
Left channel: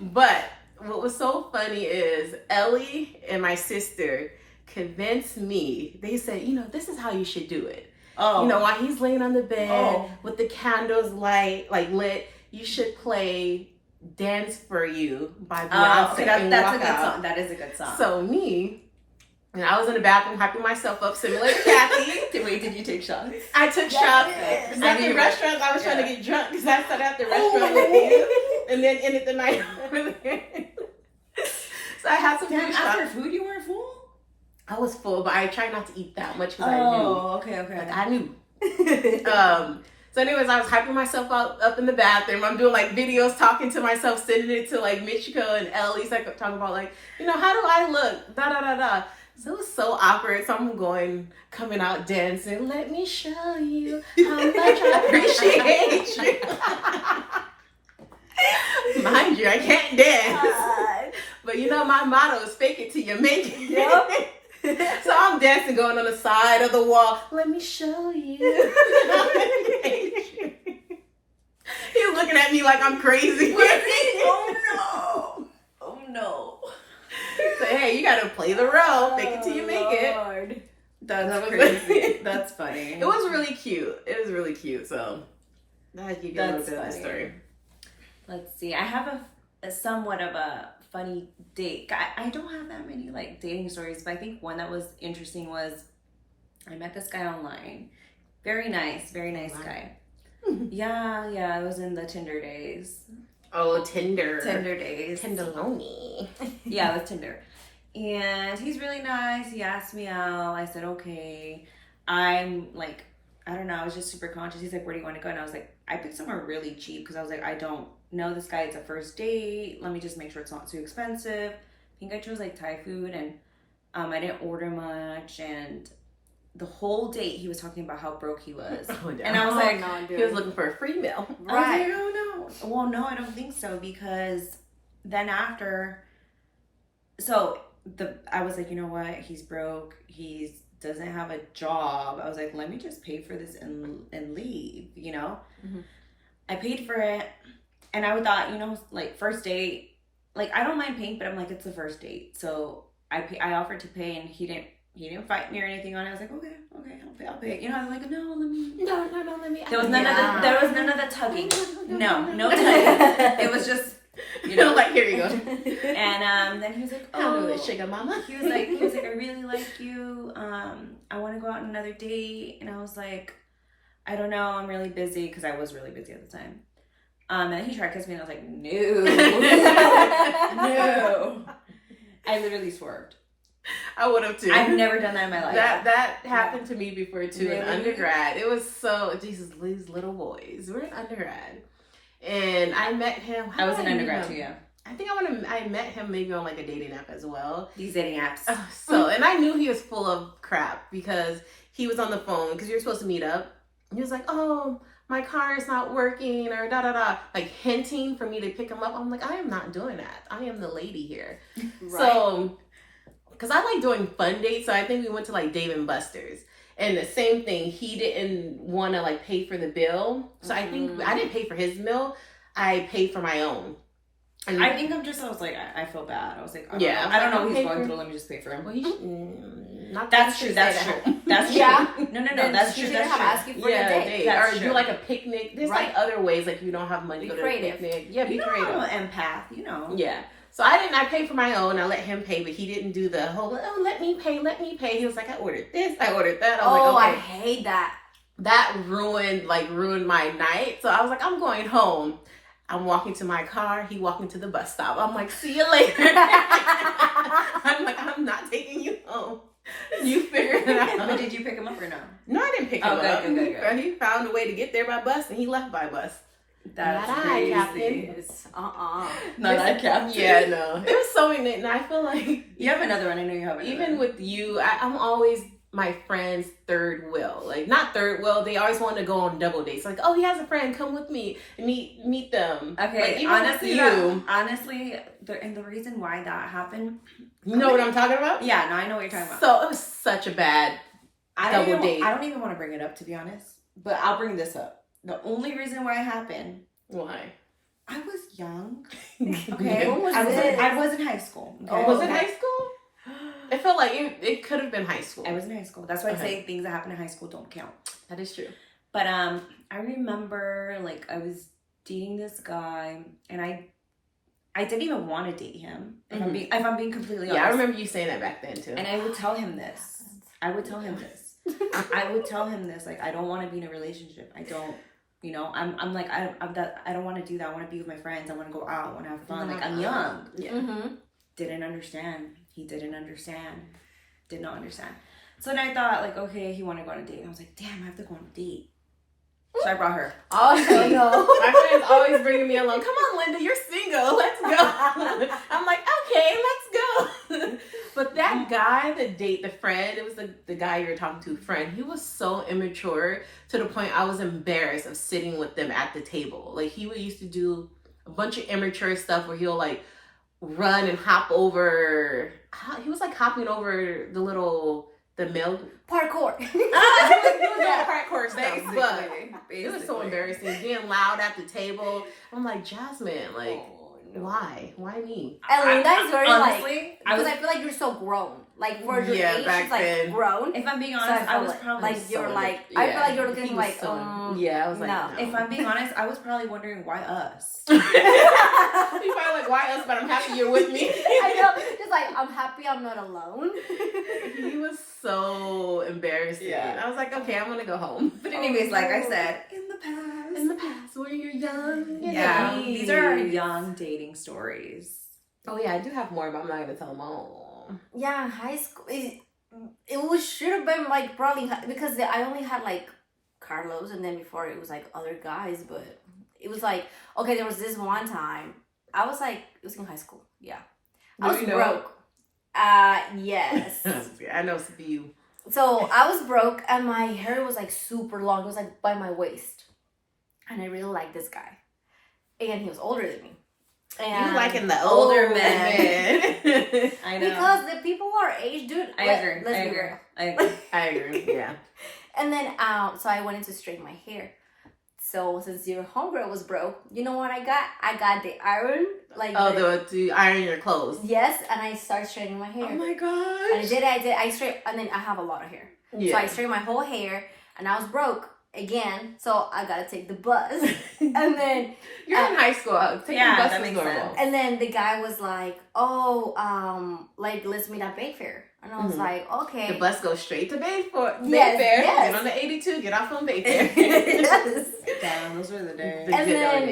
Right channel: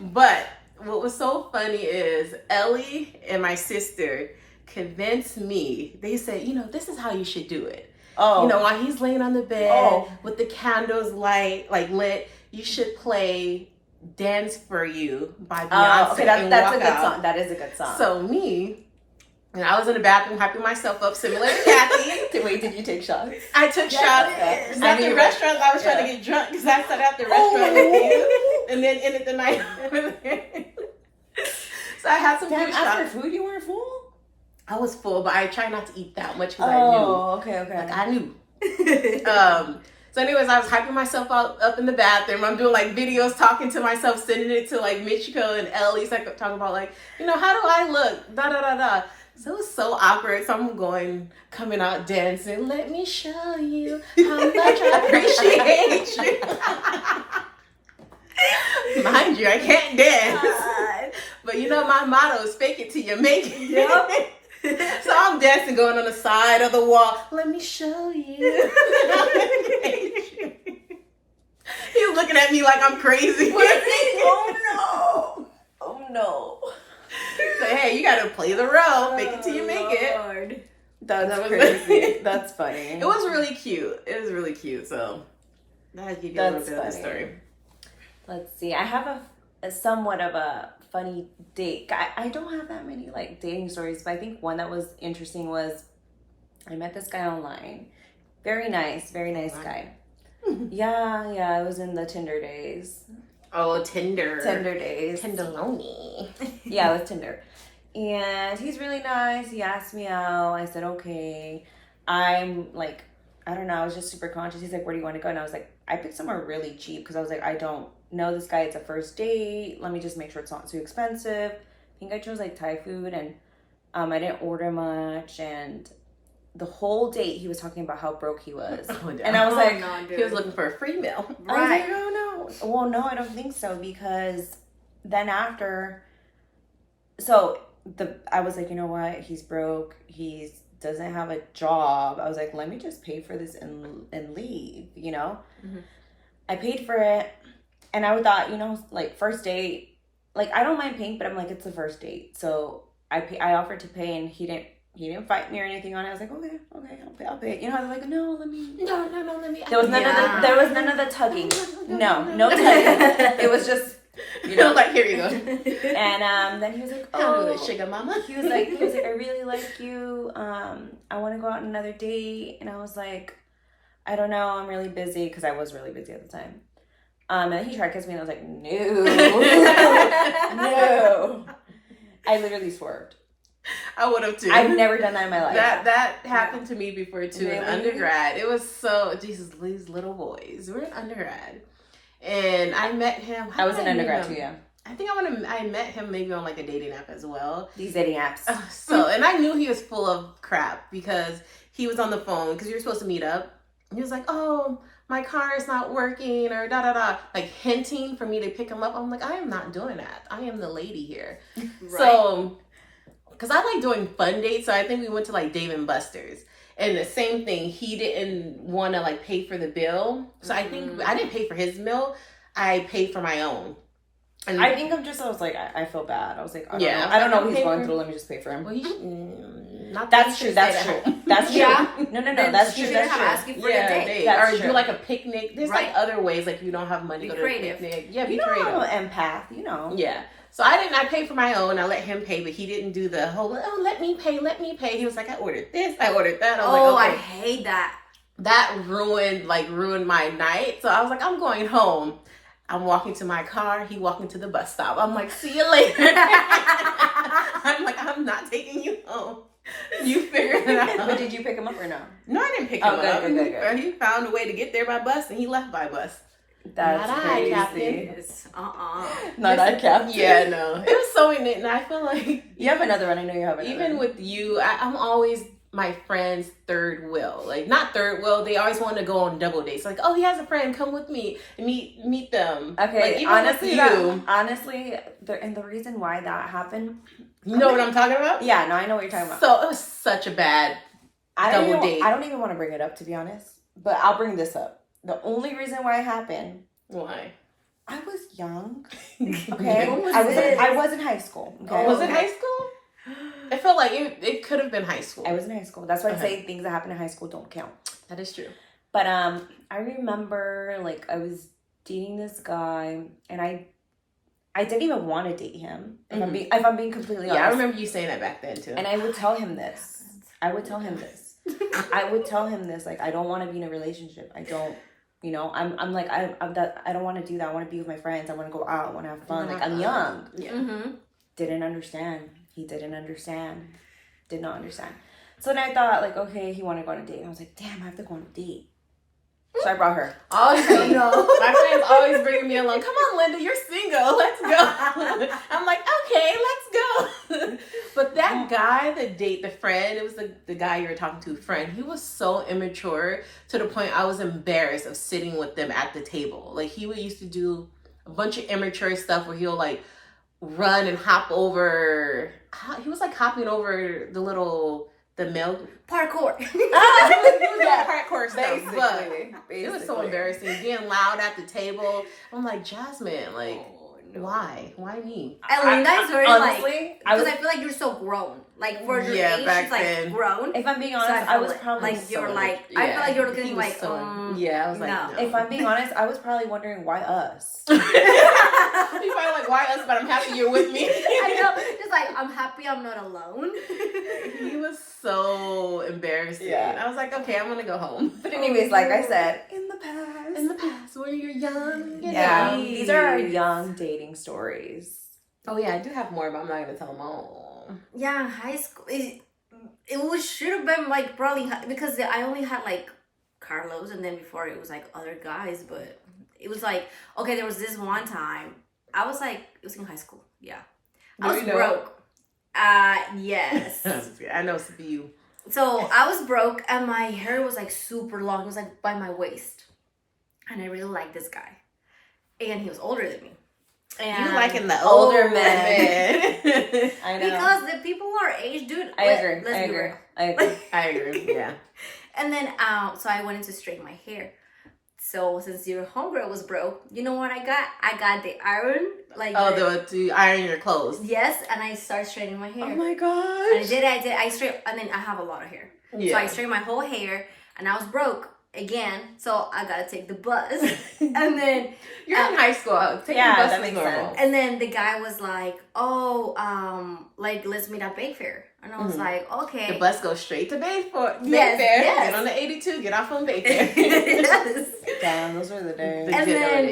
But what was so funny is Ellie and my sister convinced me. They said, this is how you should do it. Oh. While he's laying on the bed with the candles lit, you should play "Dance for You" by Beyonce okay, and that's walk a good out. song. That is a good song. So and I was in the bathroom hyping myself up, similar to Kathy. Wait, did you take shots? I took shots. Okay. Because at the restaurants, I was trying to get drunk because I sat at the restaurant with you, and then ended the night over there. So I had some food shots. After food, you weren't full? I was full, but I tried not to eat that much because I knew. Oh, okay. Like I knew. So anyways, I was hyping myself up in the bathroom. I'm doing like videos, talking to myself, sending it to like Michiko and Ellie. So I kept talking about like, how do I look? Da da da da. So it was so awkward. So I'm coming out dancing. Let me show you how much I appreciate you. Mind you, I can't dance. But my motto is fake it till you make it. Yep. So I'm dancing, going on the side of the wall. Let me show you. He's looking at me like I'm crazy. Oh no. So hey, you gotta play the role. Fake it till you make it. That's crazy. That's funny. It was really cute. So I'll give you a little bit of the story. Let's see. I have a somewhat of a funny date. I don't have that many like dating stories, but I think one that was interesting was I met this guy online. Very nice guy. Yeah, it was in the Tinder days. Oh, Tinder days. Tenderoni. Yeah, it was Tinder. And he's really nice. He asked me out. I said, okay. I'm like, I don't know. I was just super conscious. He's like, where do you want to go? And I was like, I picked somewhere really cheap because I was like, I don't know this guy. It's a first date. Let me just make sure it's not too expensive. I think I chose like Thai food and I didn't order much. And the whole date he was talking about how broke he was. Oh, no. And I was like, no, He was looking for a free meal. right. I don't know. Well, no, I don't think so because then after, I was like, you know what? He's broke. He doesn't have a job. I was like, let me just pay for this and leave, Mm-hmm. I paid for it. And I thought, like first date, like I don't mind paying, but I'm like, it's the first date. So I offered to pay and he didn't fight me or anything on it. I was like, okay, I'll pay. I was like, no, let me. No, let me. There was none of the tugging. No tugging. It was just, like here you go. And then he was like, How do oh, it, sugar mama? he was like, I really like you. I want to go out on another date. And I was like, I don't know. I'm really busy because I was really busy at the time. And he tried to kiss me and I was like, no, no. I literally swerved. I would have too. I've never done that in my life. That happened to me before too in Really? undergrad. It was so Jesus, these little boys. We're in undergrad, and I met him. I was in meet undergrad him? too, yeah. I think I met him maybe on like a dating app as well. These dating apps. And I knew he was full of crap because he was on the phone because you're supposed to meet up. He was like, "Oh, my car is not working," or da da da, like hinting for me to pick him up. I'm like, I am not doing that. I am the lady here. Right. So, because I like doing fun dates, so I think we went to like Dave and Buster's. And the same thing, he didn't want to like pay for the bill. So I think I didn't pay for his meal. I paid for my own. And I think I was like, I feel bad. I was like, I don't Yeah, know, I was I don't like, know what he's pay going for- through. Let me just pay for him. well, not That's that true. you should That's stay at true. home. That's true. Yeah. No. Then That's you true. shouldn't That's have true. asked you for Yeah, the date. date. That's Or do true. like a picnic. There's like Right. other ways, like if you don't have money, Be go to creative. a picnic. Yeah, be You know, creative. I'm an empath. You know. Yeah. So I paid for my own. I let him pay, but he didn't do the whole, oh, let me pay. He was like, I ordered this, I ordered that. I was Oh, like, I okay. hate that. That ruined my night. So I was like, I'm going home. I'm walking to my car. He walking to the bus stop. I'm like, see you later. I'm like, I'm not taking you home. You figure it But out. did you pick him up or no? No, I didn't pick him Oh, good, up. good. He found a way to get there by bus, and he left by bus. That's Not I, crazy. Captain. Yes. Not that Captain. Yeah, no. It was so in it, and I feel like You have another one. I know you have another even one. with you, I'm always my friend's third wheel. Like, not third wheel, they always want to go on double dates. Like, oh, he has a friend, come with me and meet them. Okay, like, even honestly, with you, honestly, the reason why that happened. you know what I'm talking about? Yeah, no, I know what you're talking about. So it was such a bad double date. I don't even want to bring it up, to be honest. But I'll bring this up. The only reason why it happened. Why? I was young. Okay. Okay, When was I was this? I was in high school. Okay? Oh, Was it okay. high school? It felt like it could have been high school. I was in high school. That's why I Okay. say things that happen in high school don't count. That is true. But I remember like I was dating this guy, and I didn't even want to date him. If I'm being completely honest. Yeah, I remember you saying that back then too. And I would tell him this. I would tell him this. Like, I don't want to be in a relationship. I don't. You know, I'm like I don't want to do that. I want to be with my friends. I want to go out. I want to have fun. Like, I'm young. Yeah. Mm-hmm. Didn't understand. He didn't understand. Did not understand. So then I thought, like, okay, he wanted to go on a date. I was like, damn, I have to go on a date. So I brought her. Oh, Oh, no. My friends always bringing me along. Come on, Linda, you're single. Let's go. I'm like, okay, let's go. But that guy, the friend, it was the guy you were talking to, friend. He was so immature to the point I was embarrassed of sitting with them at the table. Like, he used to do a bunch of immature stuff where he'll like run and hop over. He was like hopping over the milk. Parkour. He was doing hardcore stuff, but Basically. it was so embarrassing. Being loud at the table. I'm like, Jasmine, like, why? Why me? And Linda is very honestly, because I feel like you're so grown. Like for your Yeah, age, back she's like then. grown. If I'm being So honest, I feel was like, probably like you're so like Yeah, I feel like you're he looking was like yeah, I was like, no. no. If I'm being honest, I was probably wondering why us. You probably like, why us? But I'm happy you're with me. I know. Just like I'm happy I'm not alone. He was so embarrassing. Yeah. I was like, okay, I'm gonna go home. But anyways, like I said, in the past. In the past, where you're young, and Yeah, naive. these are our young dating stories. Oh yeah, I do have more, but I'm not gonna tell them all. Yeah, high school. It should have been like probably because I only had like Carlos, and then before it was like other guys. But it was like okay, there was this one time I was like it was in high school. Yeah, I Do was you know? broke. Yes. I know it's you. So I was broke, and my hair was like super long. It was like by my waist, and I really liked this guy, and he was older than me. And You liking the older Oh, men. I know. because the people our age, dude. I agree. Let's I be agree. real. I agree. I agree. Yeah. And then, so I wanted to straighten my hair. So since your homegirl was broke, you know what I got? I got the iron, like To iron your clothes. yes, and I started straightening my hair. Oh my And gosh. I straight, and then I have a lot of hair. Yeah. So I straightened my whole hair, and I was broke again. So I gotta take the bus, and then You're in high school. Taking Yeah, the bus that was makes normal. sense. and then the guy was like, "Oh, like let's meet at Bayfair," and I was Mhm. like, "Okay." The bus goes straight to Bayfair. Yes, yes. Get on the 82. Get off on Bayfair. Yes. Damn, those were the days. The And good old then,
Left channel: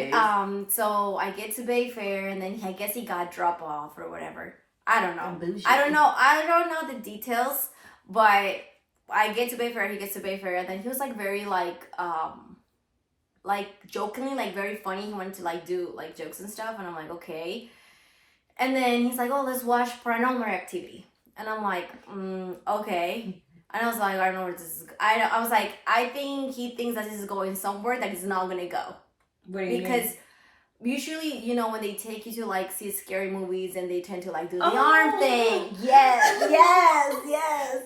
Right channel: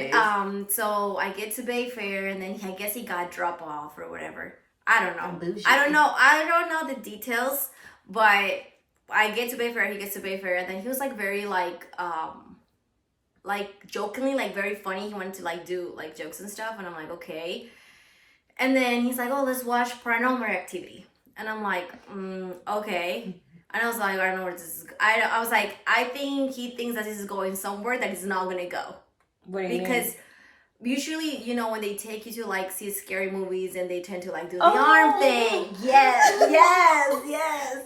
days. so I get to Bayfair, and then I guess he got drop off or whatever. I don't know. Bougie. I don't know the details, but I get to Bayfair, he gets to Bayfair, and then he was like very like jokingly, like very funny. He wanted to like do like jokes and stuff, and I'm like, okay. And then he's like, oh, let's watch Paranormal Activity, and I'm like, okay. And I was like, I don't know where this is. I was like, I think he thinks that this is going somewhere that is not gonna go. What do you Because mean? usually, you know, when they take you to like see scary movies and they tend to like do the Oh. arm thing. Yes.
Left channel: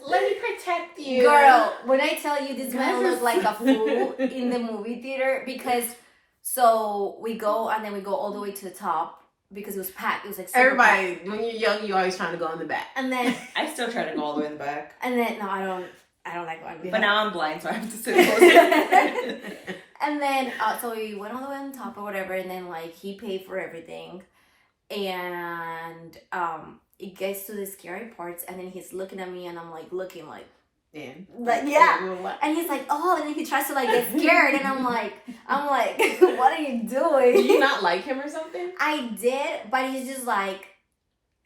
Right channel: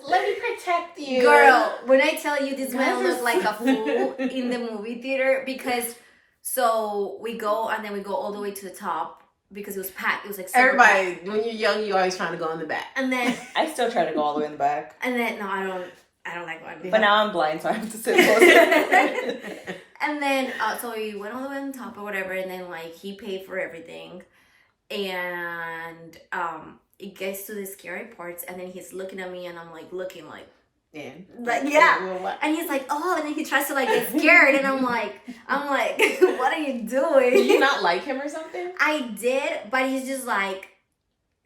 Let me protect you. Girl, when I tell you this man Guys are looked like a so- fool in the movie theater because so we go and then we go all the way to the top because it was packed. It was like super Everybody, packed. when you're young, you always trying to go in the back. And then I still try to go all the way in the back. and then no, I don't like going. But now I'm blind, so I have to sit close. And then so we went all the way on top or whatever, and then like he paid for everything, and it gets to the scary parts, and then he's looking at me, and I'm like looking like. Yeah. Like and he's like, oh, and then he tries to like get scared, and I'm like, what are you doing? Did you not like him or something? I did, but he's just like,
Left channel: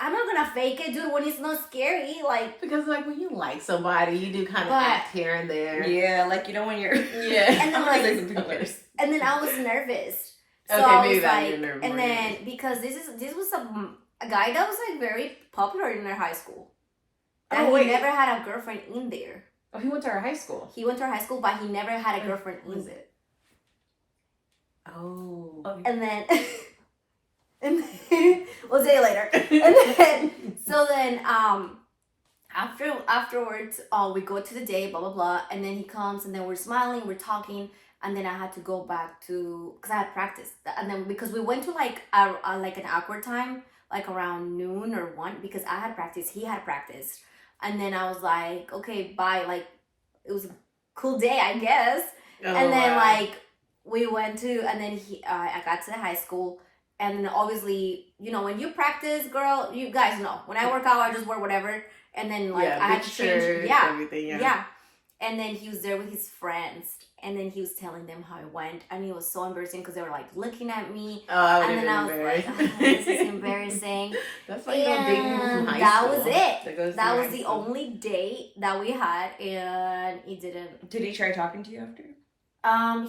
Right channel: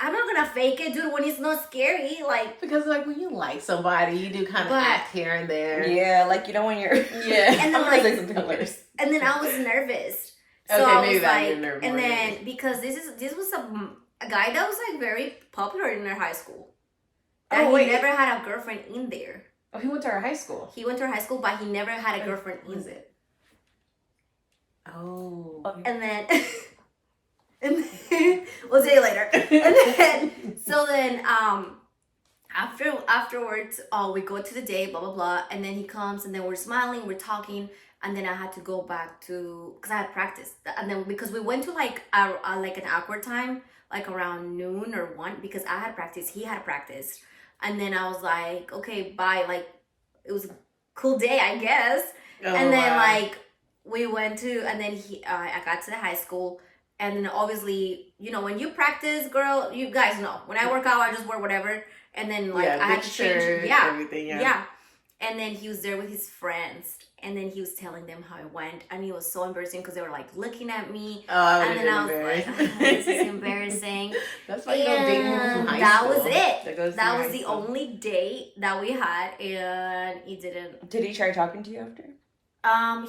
I'm not gonna fake it, dude. When it's not scary, like Because like when you like somebody, you do kind of But- act here and there. Yeah, like you know when you're. Yeah. And then, like- Okay. and then I was nervous. So Okay, I maybe was that like, made me and more then nervous. because this was a guy that was like very popular in our high school. Oh, And wait. he never had a girlfriend in there. Oh, he went to our high school. He went to our high school, but he never had a girlfriend Who in is there. it? Oh. And then, we'll say later. And then, so then, afterwards, we go to the day, blah blah blah, and then he comes, and then we're smiling, we're talking, and then I had to go back to because I had practice, and then because we went to like like an awkward time, like around noon or 1, because I had practice, he had practice, and then I was like, okay, bye, like it was a cool day, I guess. Oh, And then wow. like we went to, and then I got to the high school, and then obviously, you know, when you practice, girl, you guys know, when I work out, I just wear whatever, and then like yeah, I had big to shirt, change, yeah, everything, yeah. And then he was there with his friends, and then he was telling them how it went, and it was so embarrassing because they were like looking at me, Oh, I would and have then I been was embarrassed. like, oh, this is embarrassing. That's why you don't date people from And high that school. was it. That, goes That through was high the school. only date that we had, and he didn't. Did he try talking to you after?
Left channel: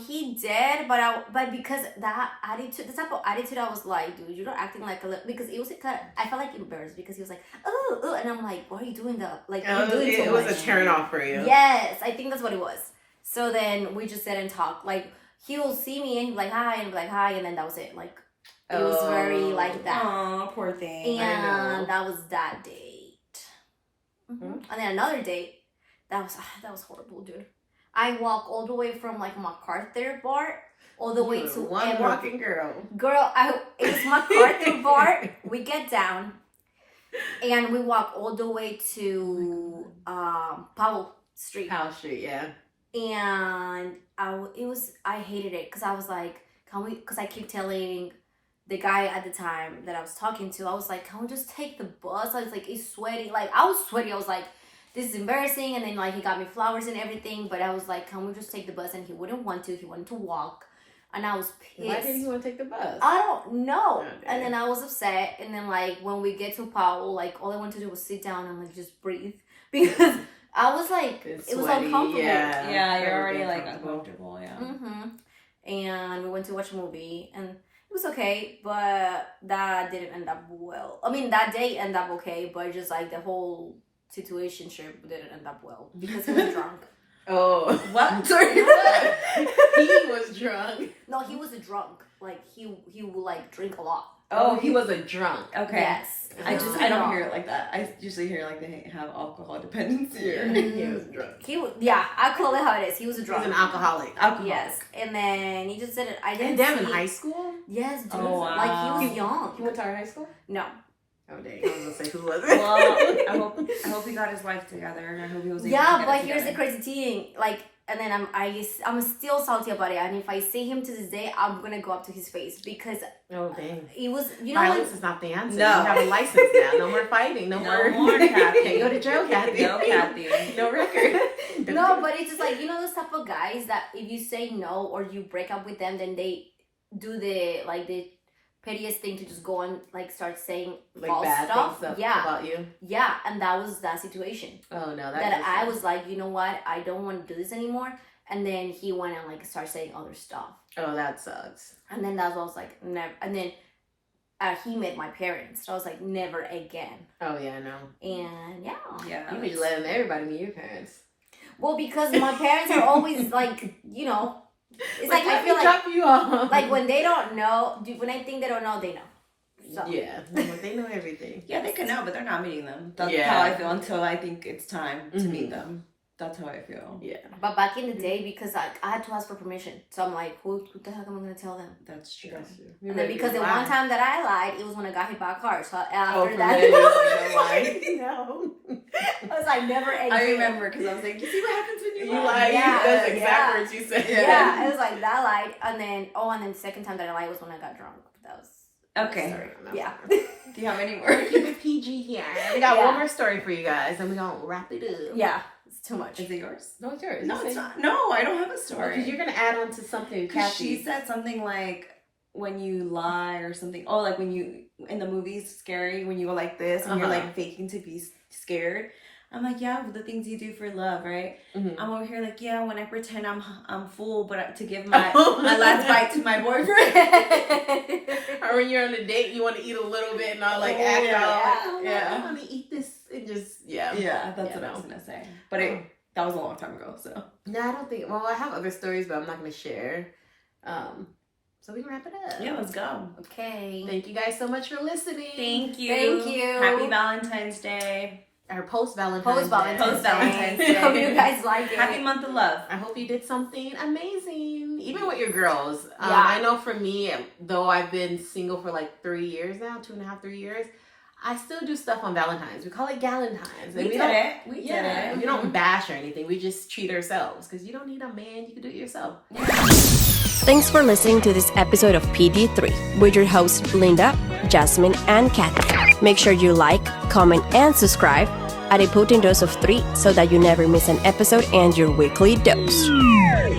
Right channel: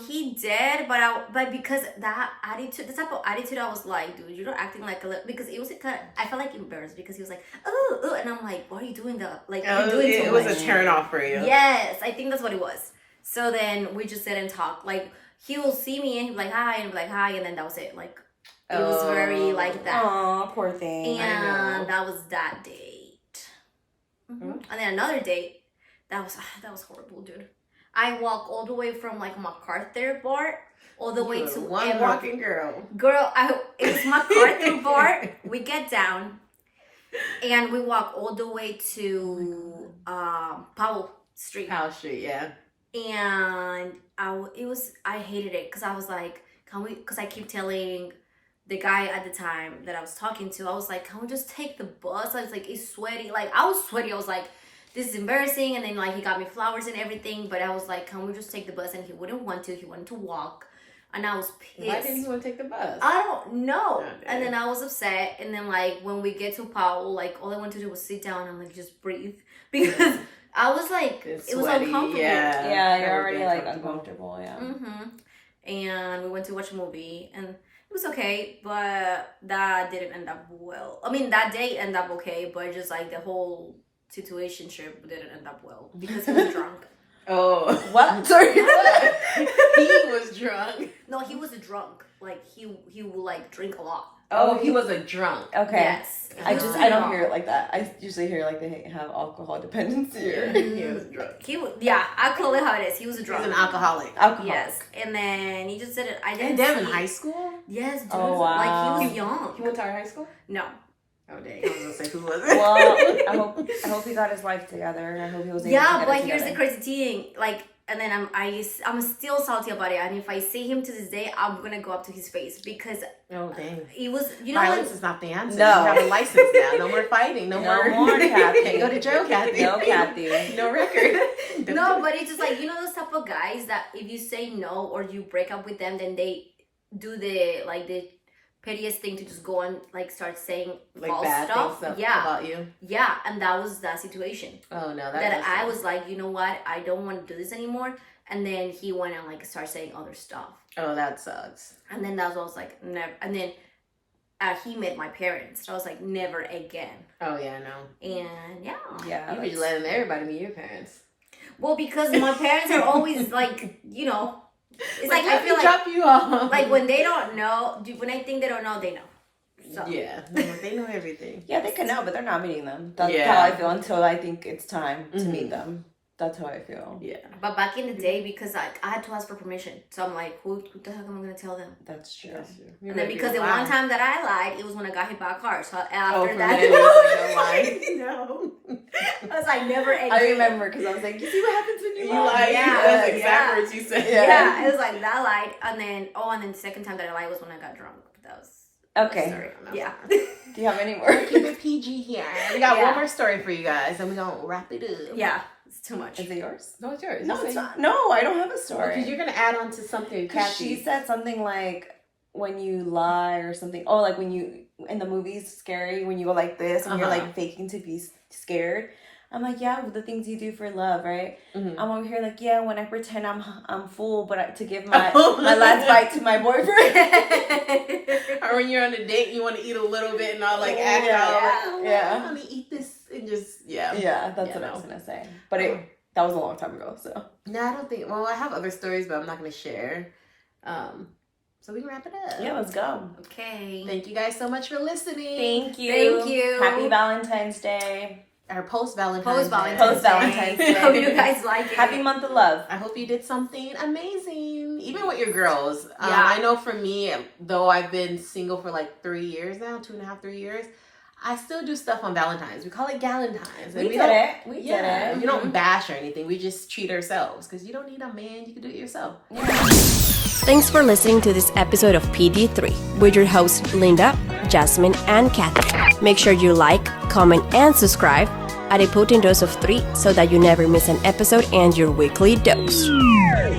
He did, but because that attitude, the type of attitude, I was like, dude, you're not acting like a little, because it was I felt like embarrassed because he was like, oh, and I'm like, why are you doing that? Like, you're doing it too was much. a turn off for you. Yes, I think that's what it was. So then we just sit and talk. Like, he will see me and he'll be like, hi, and I'll be like, hi, and then that was it. Like, it was very like that. Oh, poor thing. I know. And that was that date. Mhm. And then another date, that was horrible, dude. I walk all the way from like MacArthur Bar all the way You to were one Emerald. walking girl. Girl, it was MacArthur Bar. We get down and we walk all the way to Powell Street. Powell Street, yeah. And I hated it because I was like, because I keep telling the guy at the time that I was talking to, I was like, can we just take the bus? I was like, it's sweaty. Like, I was sweaty. I was like, this is embarrassing. And then like he got me flowers and everything, but I was like, can we just take the bus? And he wouldn't want to. He wanted to walk, and I was pissed. Why didn't he want to take the bus? I don't know. Okay. And then I was upset. And then like when we get to Powell, like all I wanted to do was sit down and like just breathe because I was like, It's it was sweaty, uncomfortable. Yeah, That you're would already be like uncomfortable. uncomfortable. Yeah. Mm-hmm. And we went to watch a movie, and it was okay, but that didn't end up well. I mean, that day ended up okay, but just like the whole situationship didn't end up well because he was drunk. Oh. What? Sorry. He was drunk. No, he was a drunk. Like he would like drink a lot. Oh, he was a drunk. Okay. Yes. I don't hear it like that. I usually hear like they have alcohol dependency. Yeah, he was drunk. I call it how it is. He was a He's drunk. an alcoholic. Alcohol. Yes, and then he just didn't. I didn't. And them in see- high school? Yes, dude. Oh, wow. Like he was young. He went to our high school? No. Oh, dang. I was going to say, who was it? Well, I hope he got his life together, and I hope he was able to Yeah, get but it here's the together. crazy thing. Like, and then I'm still salty about it. And if I see him to this day, I'm gonna go up to his face because Oh, dang. it was, you know, Violence when, is not the answer. No. You have a license now. No more fighting. No, more. Kathy. Can't go to jail, Kathy. No, Kathy. No record. no, but it's just like, you know, those type of guys that if you say no or you break up with them, then they do the pettiest thing to just go and like start saying Like false bad stuff. things Yeah, about you. yeah, and that was that situation. Oh, no. That I was like, you know what, I don't want to do this anymore. And then he went and like started saying other stuff. Oh, that sucks. And then that's what I was like, never. And then he met my parents. So I was like, never again. Oh, yeah, I know. And yeah. Yeah. You be just letting everybody meet your parents. Well, because my parents are always like, you know, it's like, I let me feel like, drop you off. like when they don't know, when I think they don't know, they know. So. Yeah. They know everything. Yeah, they can now, but they're not meeting them. That's Yeah. how I feel until I think it's time to Mhm. meet them. That's how I feel. Yeah. But back in the day, because I had to ask for permission, so I'm like, who the heck am I gonna tell them? That's true. And then because the one time that I lied, it was when I got hit by a car. So after Oh, from that, then you was like, no lie. no. I was like, never again. I remember because I was like, you see what happens when you You lie? lied. Yeah, That's exact words you said. Yeah, it was like that lied, and then the second time that I lied was when I got drunk. That was Okay. Sorry, yeah. Do you have any more? Keep it PG here. We got Yeah. one more story for you guys, and we're gonna wrap it up. Yeah, it's too much. Is it yours? No, it's yours. No, it's not. No, I don't have a story. Because you're gonna add on to something, Kathy. She said something like when you lie or something. Oh, like when you in the movies, scary when you go like this and you're like faking to be scared. I'm like, yeah, the things you do for love, right? Mm-hmm. I'm over here like, yeah, when I pretend I'm full, but to give my last bite to my boyfriend. Or when you're on a date, you want to eat a little bit and not like act Yeah. out like, oh, Yeah. I want to eat this and just Yeah, that's Yeah, what I no. was gonna say. But that was a long time ago, so. No, I don't think. Well, I have other stories, but I'm not gonna share. So we can wrap it up. Yeah, let's go. Okay. Thank you guys so much for listening. Thank you. Thank you. Happy Valentine's Day. Our post Valentine's Day. Post-Valentine's Day. Hope you guys like it. Happy month of love. I hope you did something amazing, even with your girls. Yeah. I know for me, though I've been single for like 3 years now, 2.5, 3 years, I still do stuff on Valentine's. We call it Galentine's. We did it. We did it. We don't bash or anything. We just treat ourselves because you don't need a man. You can do it yourself. Thanks for listening to this episode of PG3 with your hosts Linda, Jasmine, and Kathy. Make sure you like, comment, and subscribe at a potent dose of 3 so that you never miss an episode and your weekly dose.